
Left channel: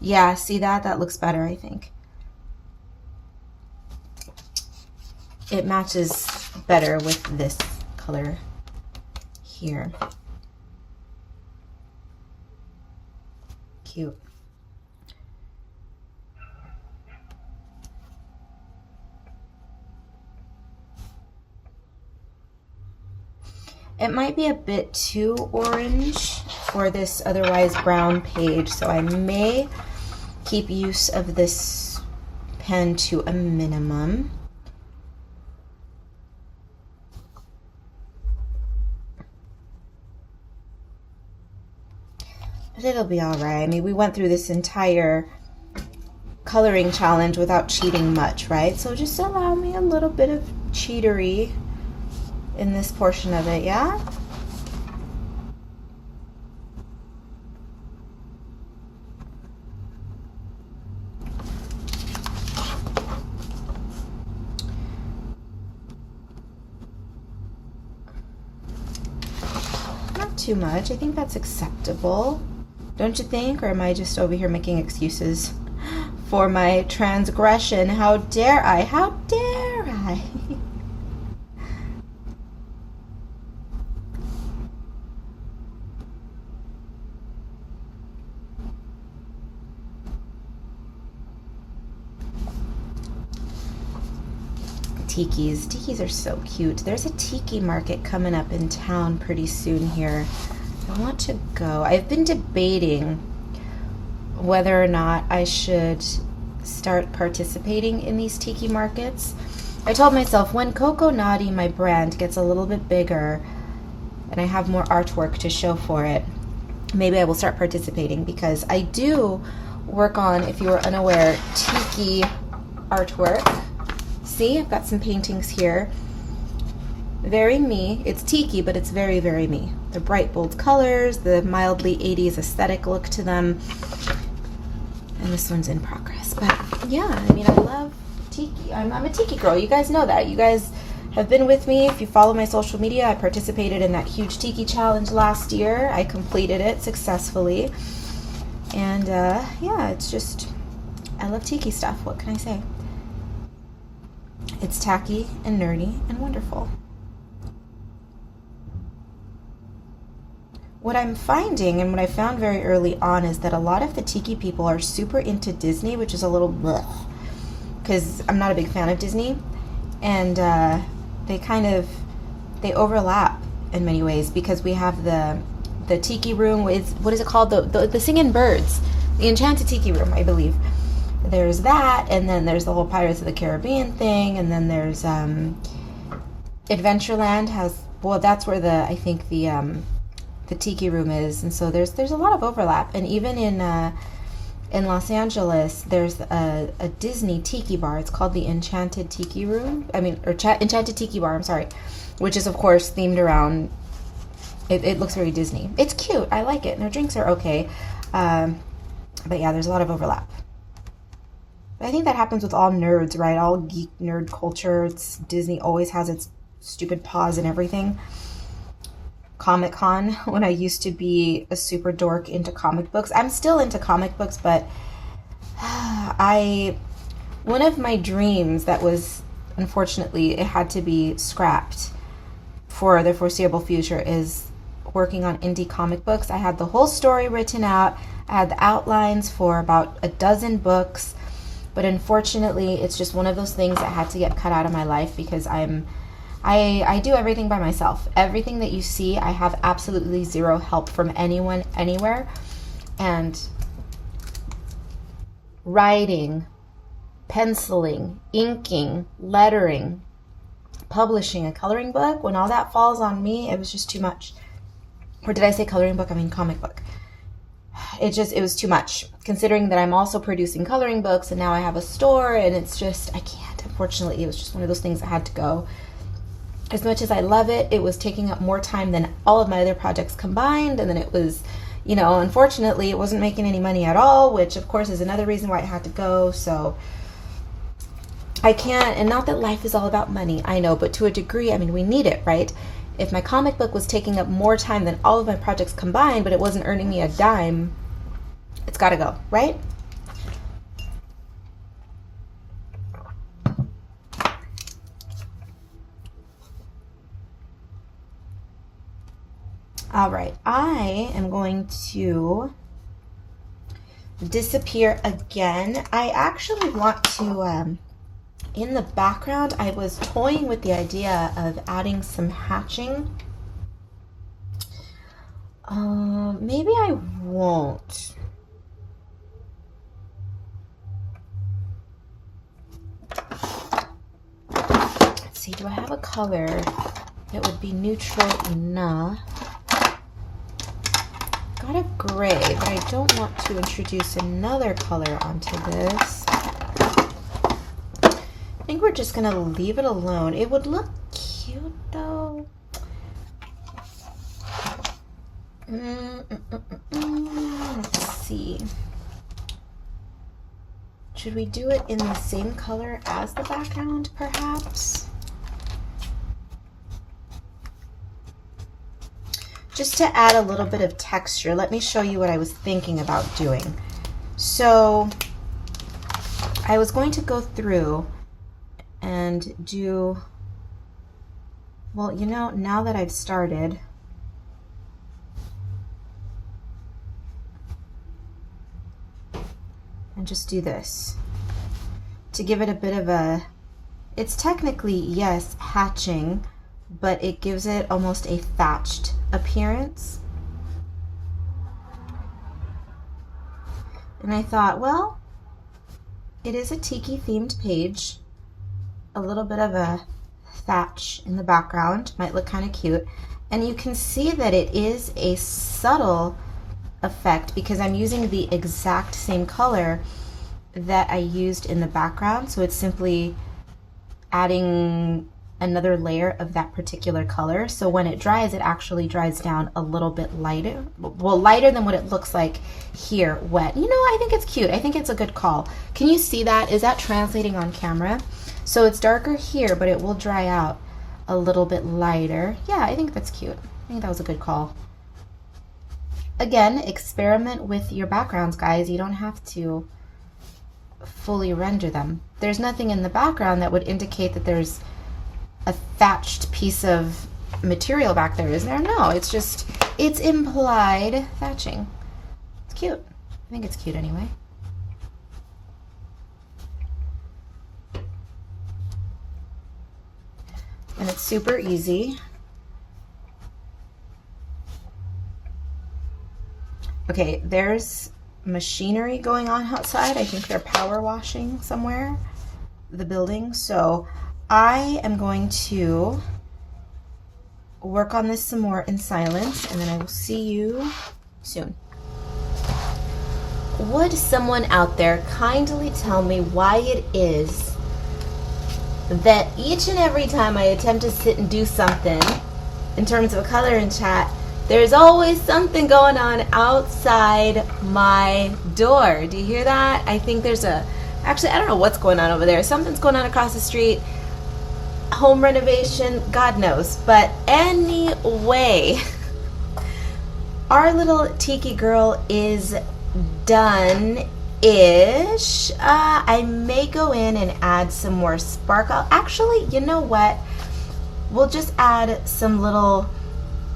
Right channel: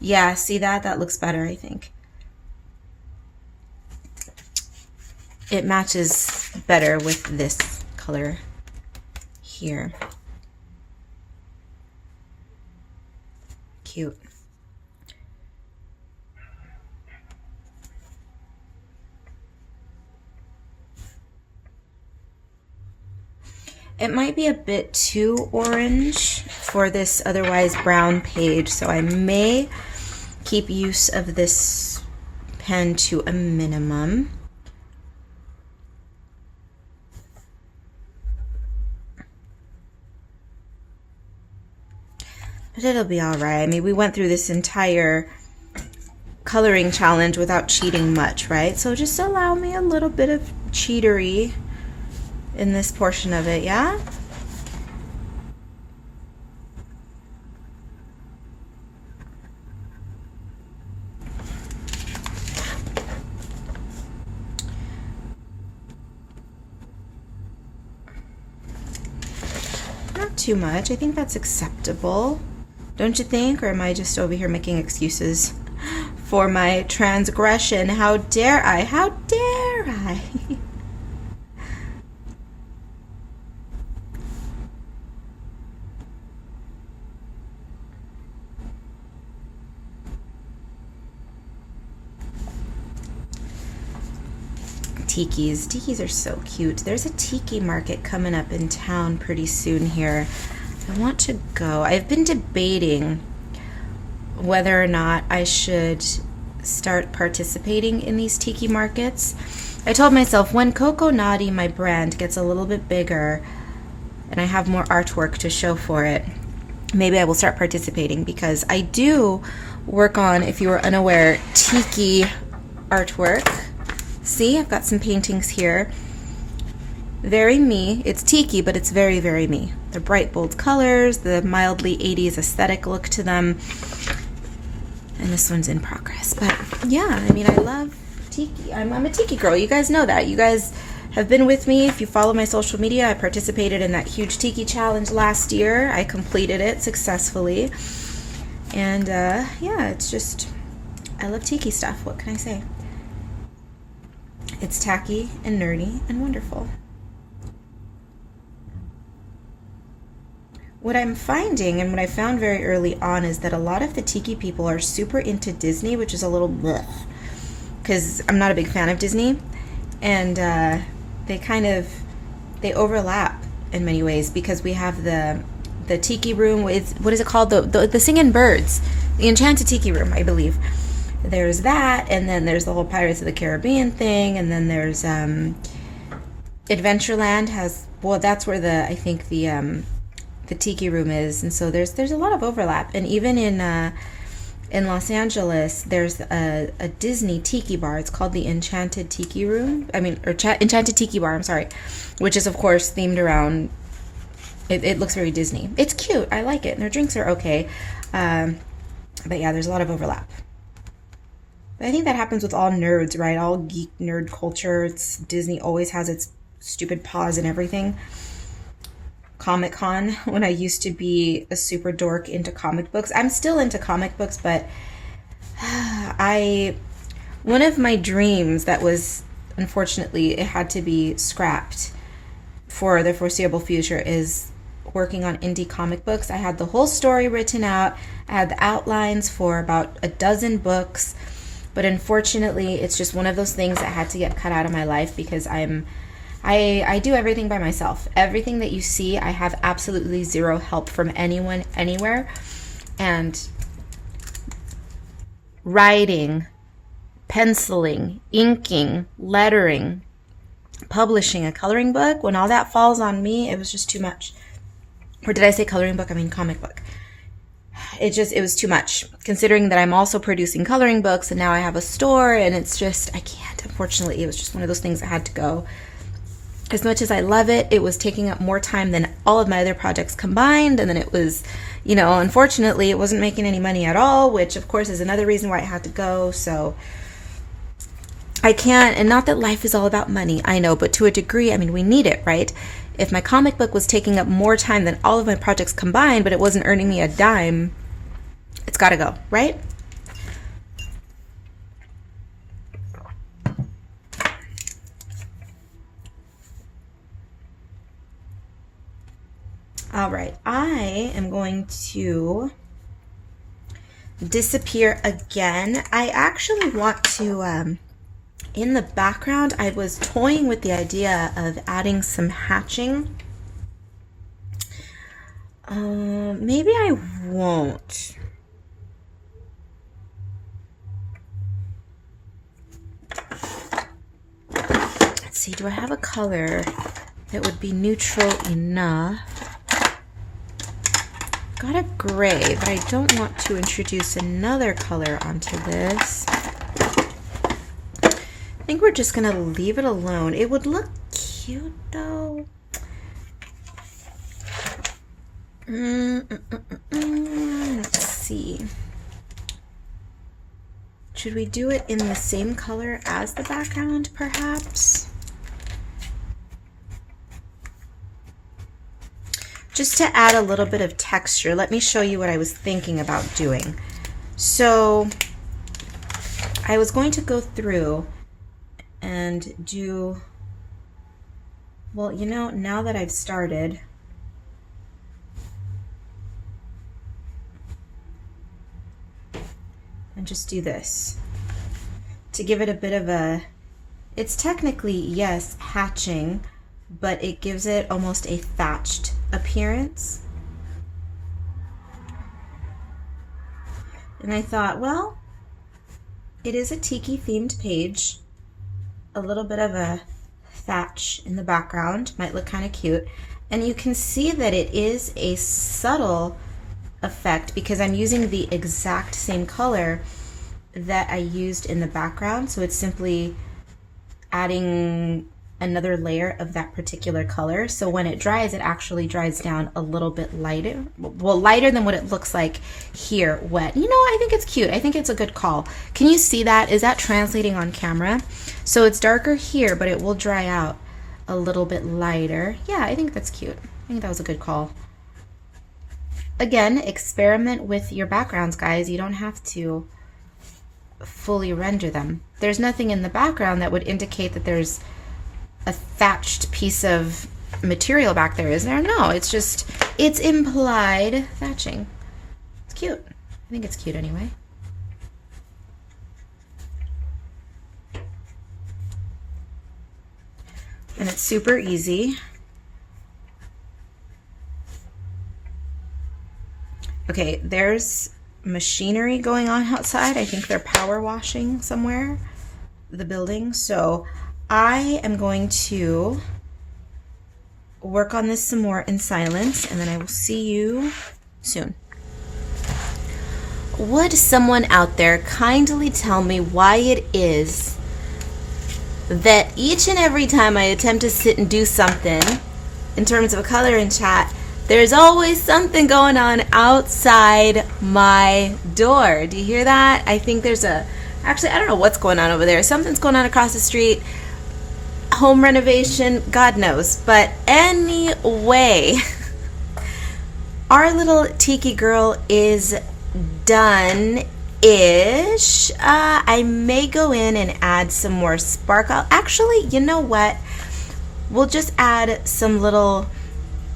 Yeah, see that? That looks better, I think. It matches better with this color here. Cute. It might be a bit too orange for this otherwise brown page, so I may keep use of this pen to a minimum. But it'll be all right. I mean, we went through this entire coloring challenge without cheating much, right? So just allow me a little bit of cheatery in this portion of it, yeah? Not too much. I think that's acceptable. Don't you think? Or am I just over here making excuses for my transgression? How dare I? How dare I? Tikis are so cute. There's a tiki market coming up in town pretty soon here. I want to go. I've been debating whether or not I should start participating in these tiki markets. I told myself when Coco Naughty, my brand, gets a little bit bigger and I have more artwork to show for it, maybe I will start participating because I do work on, if you were unaware, tiki artwork. See, I've got some paintings here. Very me. It's tiki, but it's very, very me. The bright, bold colors, the mildly 80s aesthetic look to them. And this one's in progress. But yeah, I mean, I love tiki. I'm a tiki girl. You guys know that. You guys have been with me. If you follow my social media, I participated in that huge tiki challenge last year. I completed it successfully. And yeah, it's just, I love tiki stuff. What can I say? It's tacky and nerdy and wonderful. What I'm finding and what I found very early on is that a lot of the tiki people are super into Disney, which is a little bleh, because I'm not a big fan of Disney, and they overlap in many ways because we have the tiki room with, what is it called, the singing birds, the enchanted tiki room, I believe. There's that, and then there's the whole Pirates of the Caribbean thing, and then there's Adventureland has, well, that's where I think the tiki room is, and so there's a lot of overlap. And even in Los Angeles, there's a Disney tiki bar. It's called the Enchanted Tiki Room. Enchanted Tiki Bar. I'm sorry, which is of course themed around. It looks very Disney. It's cute. I like it, and their drinks are okay. But yeah, there's a lot of overlap. I think that happens with all nerds, right? All geek nerd culture. Disney always has its stupid paws and everything. Comic-Con, when I used to be a super dork into comic books. I'm still into comic books, but one of my dreams that was, unfortunately, it had to be scrapped for the foreseeable future is working on indie comic books. I had the whole story written out. I had the outlines for about a dozen books. But unfortunately, it's just one of those things that had to get cut out of my life because I I do everything by myself. Everything that you see, I have absolutely zero help from anyone, anywhere. And writing, penciling, inking, lettering, publishing a coloring book, when all that falls on me, it was just too much. Or did I say coloring book? I mean comic book. It was too much, considering that I'm also producing coloring books and now I have a store, and it's just, I can't. Unfortunately, it was just one of those things that had to go. As much as I love it, it was taking up more time than all of my other projects combined, and then it was, you know, unfortunately, it wasn't making any money at all, which of course is another reason why it had to go. So I can't, and not that life is all about money, I know, but to a degree, I mean, we need it, right? If my comic book was taking up more time than all of my projects combined, but it wasn't earning me a dime, it's got to go, right? All right, I am going to disappear again. I actually want to, in the background, I was toying with the idea of adding some hatching. Maybe I won't. Let's see, do I have a color that would be neutral enough? Got a gray, but I don't want to introduce another color onto this. I think we're just gonna leave it alone. It would look cute though. Let's see. Should we do it in the same color as the background, perhaps? Just to add a little bit of texture, let me show you what I was thinking about doing. So I was going to go through and do, well, you know, now that I've started, and just do this to give it a bit of a, it's technically, yes, hatching, but it gives it almost a thatched appearance. And I thought, well, it is a Tiki themed page. A little bit of a thatch in the background might look kind of cute. And you can see that it is a subtle effect because I'm using the exact same color that I used in the background. So it's simply adding another layer of that particular color. So when it dries, it actually dries down a little bit lighter. Well, lighter than what it looks like here wet. You know, I think it's cute. I think it's a good call. Can you see that? Is that translating on camera? So it's darker here, but it will dry out a little bit lighter. Yeah, I think that's cute. I think that was a good call. Again, experiment with your backgrounds, guys. You don't have to fully render them. There's nothing in the background that would indicate that there's a thatched piece of material back there, is there? No, it's just, it's implied thatching. It's cute. I think it's cute anyway. And it's super easy. Okay, there's machinery going on outside. I think they're power washing somewhere, the building. So I am going to work on this some more in silence, and then I will see you soon. Would someone out there kindly tell me why it is that each and every time I attempt to sit and do something in terms of color and chat, there's always something going on outside my door? Do you hear that? I think there's actually, I don't know what's going on over there. Something's going on across the street. Home renovation, God knows. But anyway, our little Tiki girl is done-ish. I may go in and add some more sparkle. Actually, you know what? We'll just add some little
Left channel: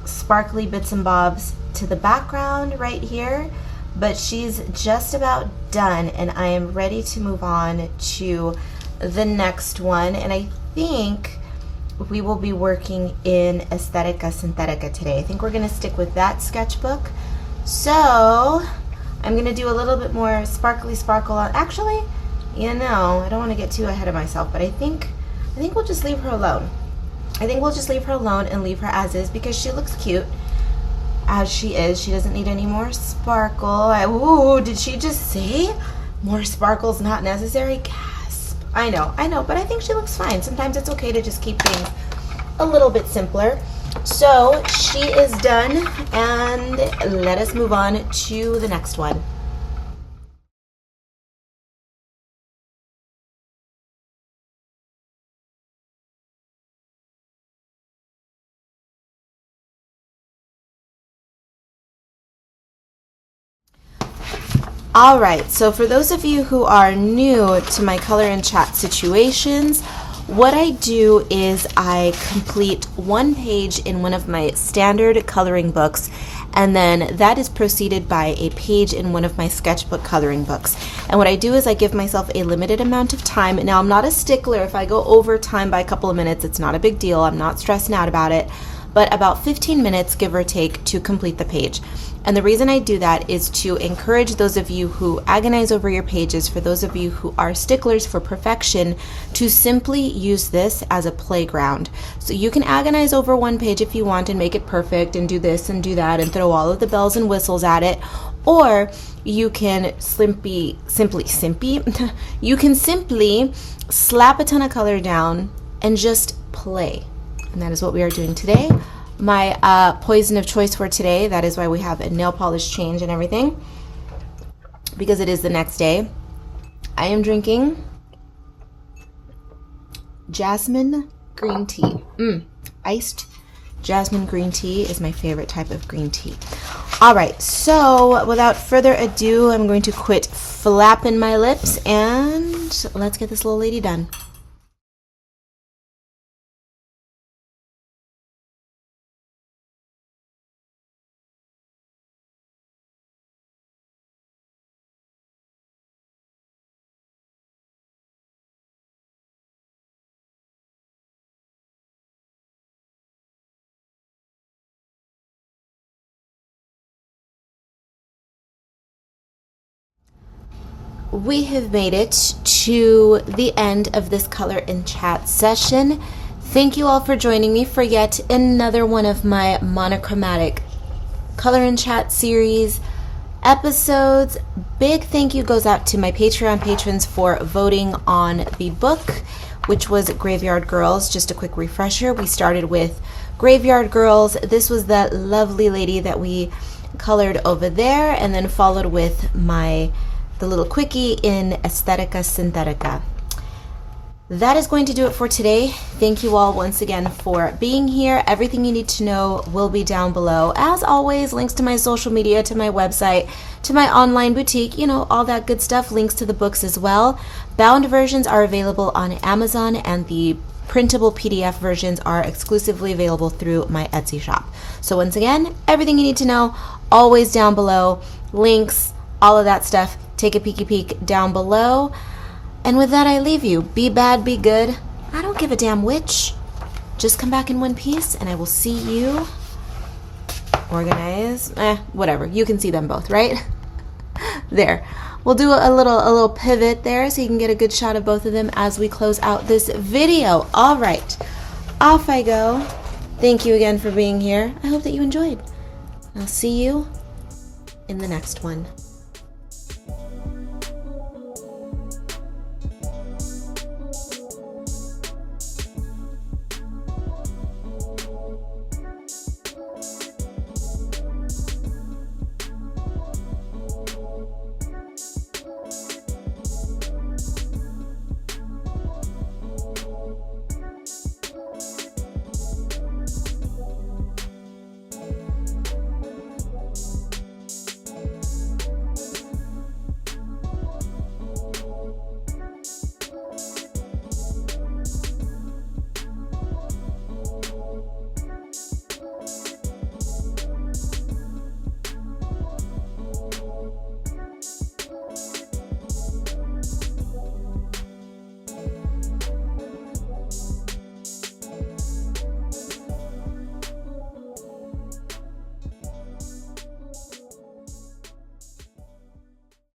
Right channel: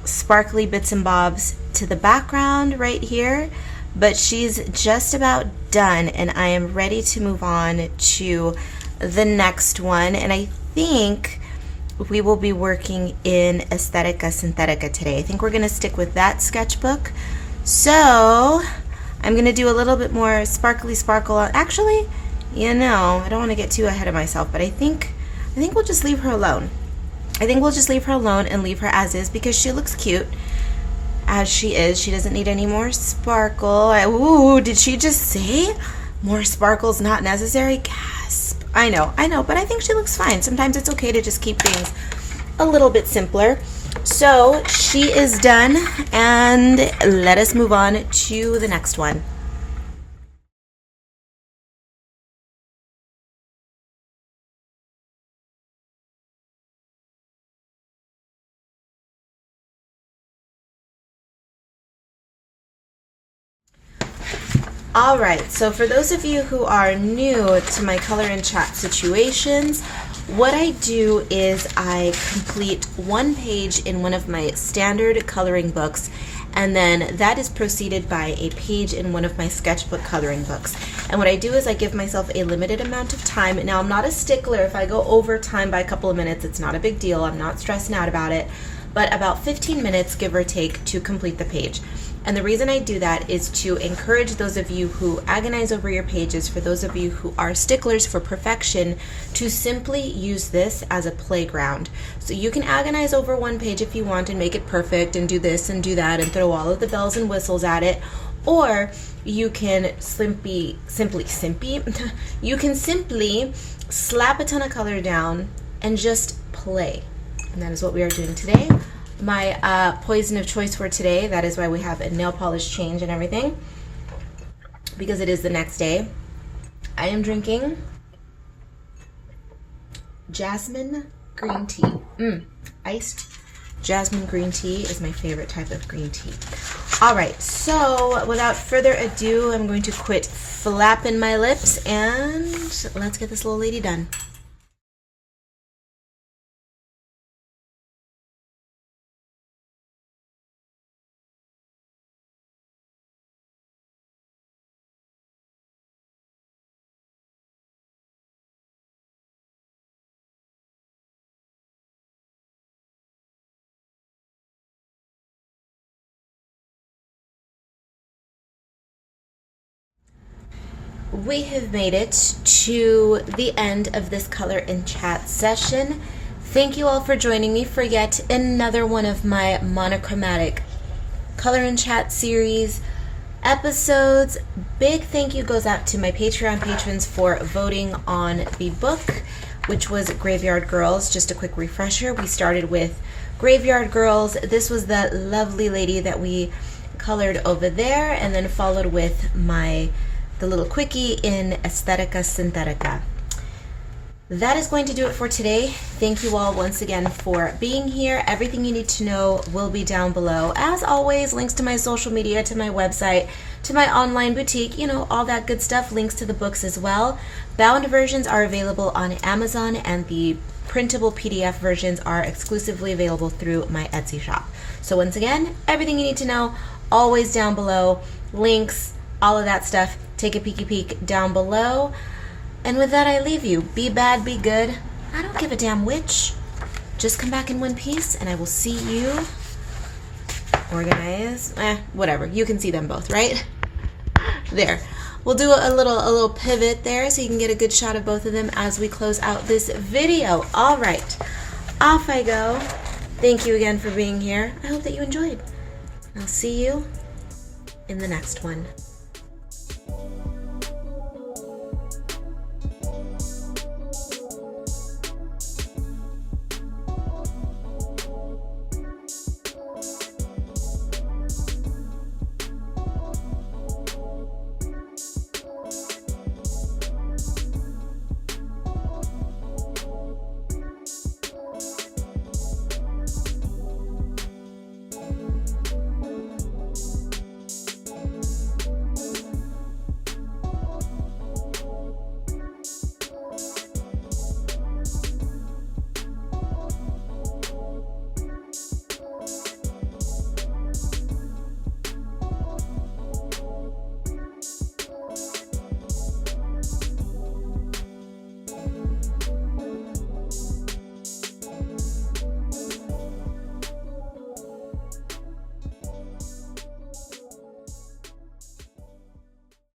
sparkly bits and bobs to the background right here. But she's just about done, and I am ready to move on to the next one. And I think we will be working in Aesthetica Synthetica today. I think we're going to stick with that sketchbook. So I'm going to do a little bit more sparkly sparkle on, actually, you know, I don't want to get too ahead of myself, but I think we'll just leave her alone. I think we'll just leave her alone and leave her as is, because she looks cute as she is. She doesn't need any more sparkle. Ooh, did she just say more sparkle's not necessary? Gasp. I know, but I think she looks fine. Sometimes it's okay to just keep things a little bit simpler. So she is done, and let us move on to the next one. All right, so for those of you who are new to my color and chat situations, what I do is I complete one page in one of my standard coloring books, and then that is preceded by a page in one of my sketchbook coloring books. And what I do is I give myself a limited amount of time. Now, I'm not a stickler. If I go over time by a couple of minutes, it's not a big deal. I'm not stressing out about it. But about 15 minutes, give or take, to complete the page. And the reason I do that is to encourage those of you who agonize over your pages, for those of you who are sticklers for perfection, to simply use this as a playground. So you can agonize over one page if you want and make it perfect and do this and do that and throw all of the bells and whistles at it. Or you can simply you can simply slap a ton of color down and just play. And that is what we are doing today. My poison of choice for today, that is why we have a nail polish change and everything, because it is the next day. I am drinking jasmine green tea. Iced jasmine green tea is my favorite type of green tea. All right, so without further ado, I'm going to quit flapping my lips and let's get this little lady done. We have made it to the end of this color and chat session. Thank you all for joining me for yet another one of my monochromatic color and chat series episodes. Big thank you goes out to my Patreon patrons for voting on the book, which was Graveyard Girls. Just a quick refresher, we started with Graveyard Girls. This was the lovely lady that we colored over there, and then followed with the little quickie in Aesthetica Synthetica. That is going to do it for today. Thank you all once again for being here. Everything you need to know will be down below. As always, links to my social media, to my website, to my online boutique, you know, all that good stuff. Links to the books as well. Bound versions are available on Amazon, and the printable PDF versions are exclusively available through my Etsy shop. So once again, everything you need to know, always down below. Links, all of that stuff. Take a peeky peek down below. And with that, I leave you. Be bad, be good. I don't give a damn which. Just come back in one piece, and I will see you. Organize. Whatever. You can see them both, right? There. We'll do a little pivot there so you can get a good shot of both of them as we close out this video. All right. Off I go. Thank you again for being here. I hope that you enjoyed. I'll see you in the next one.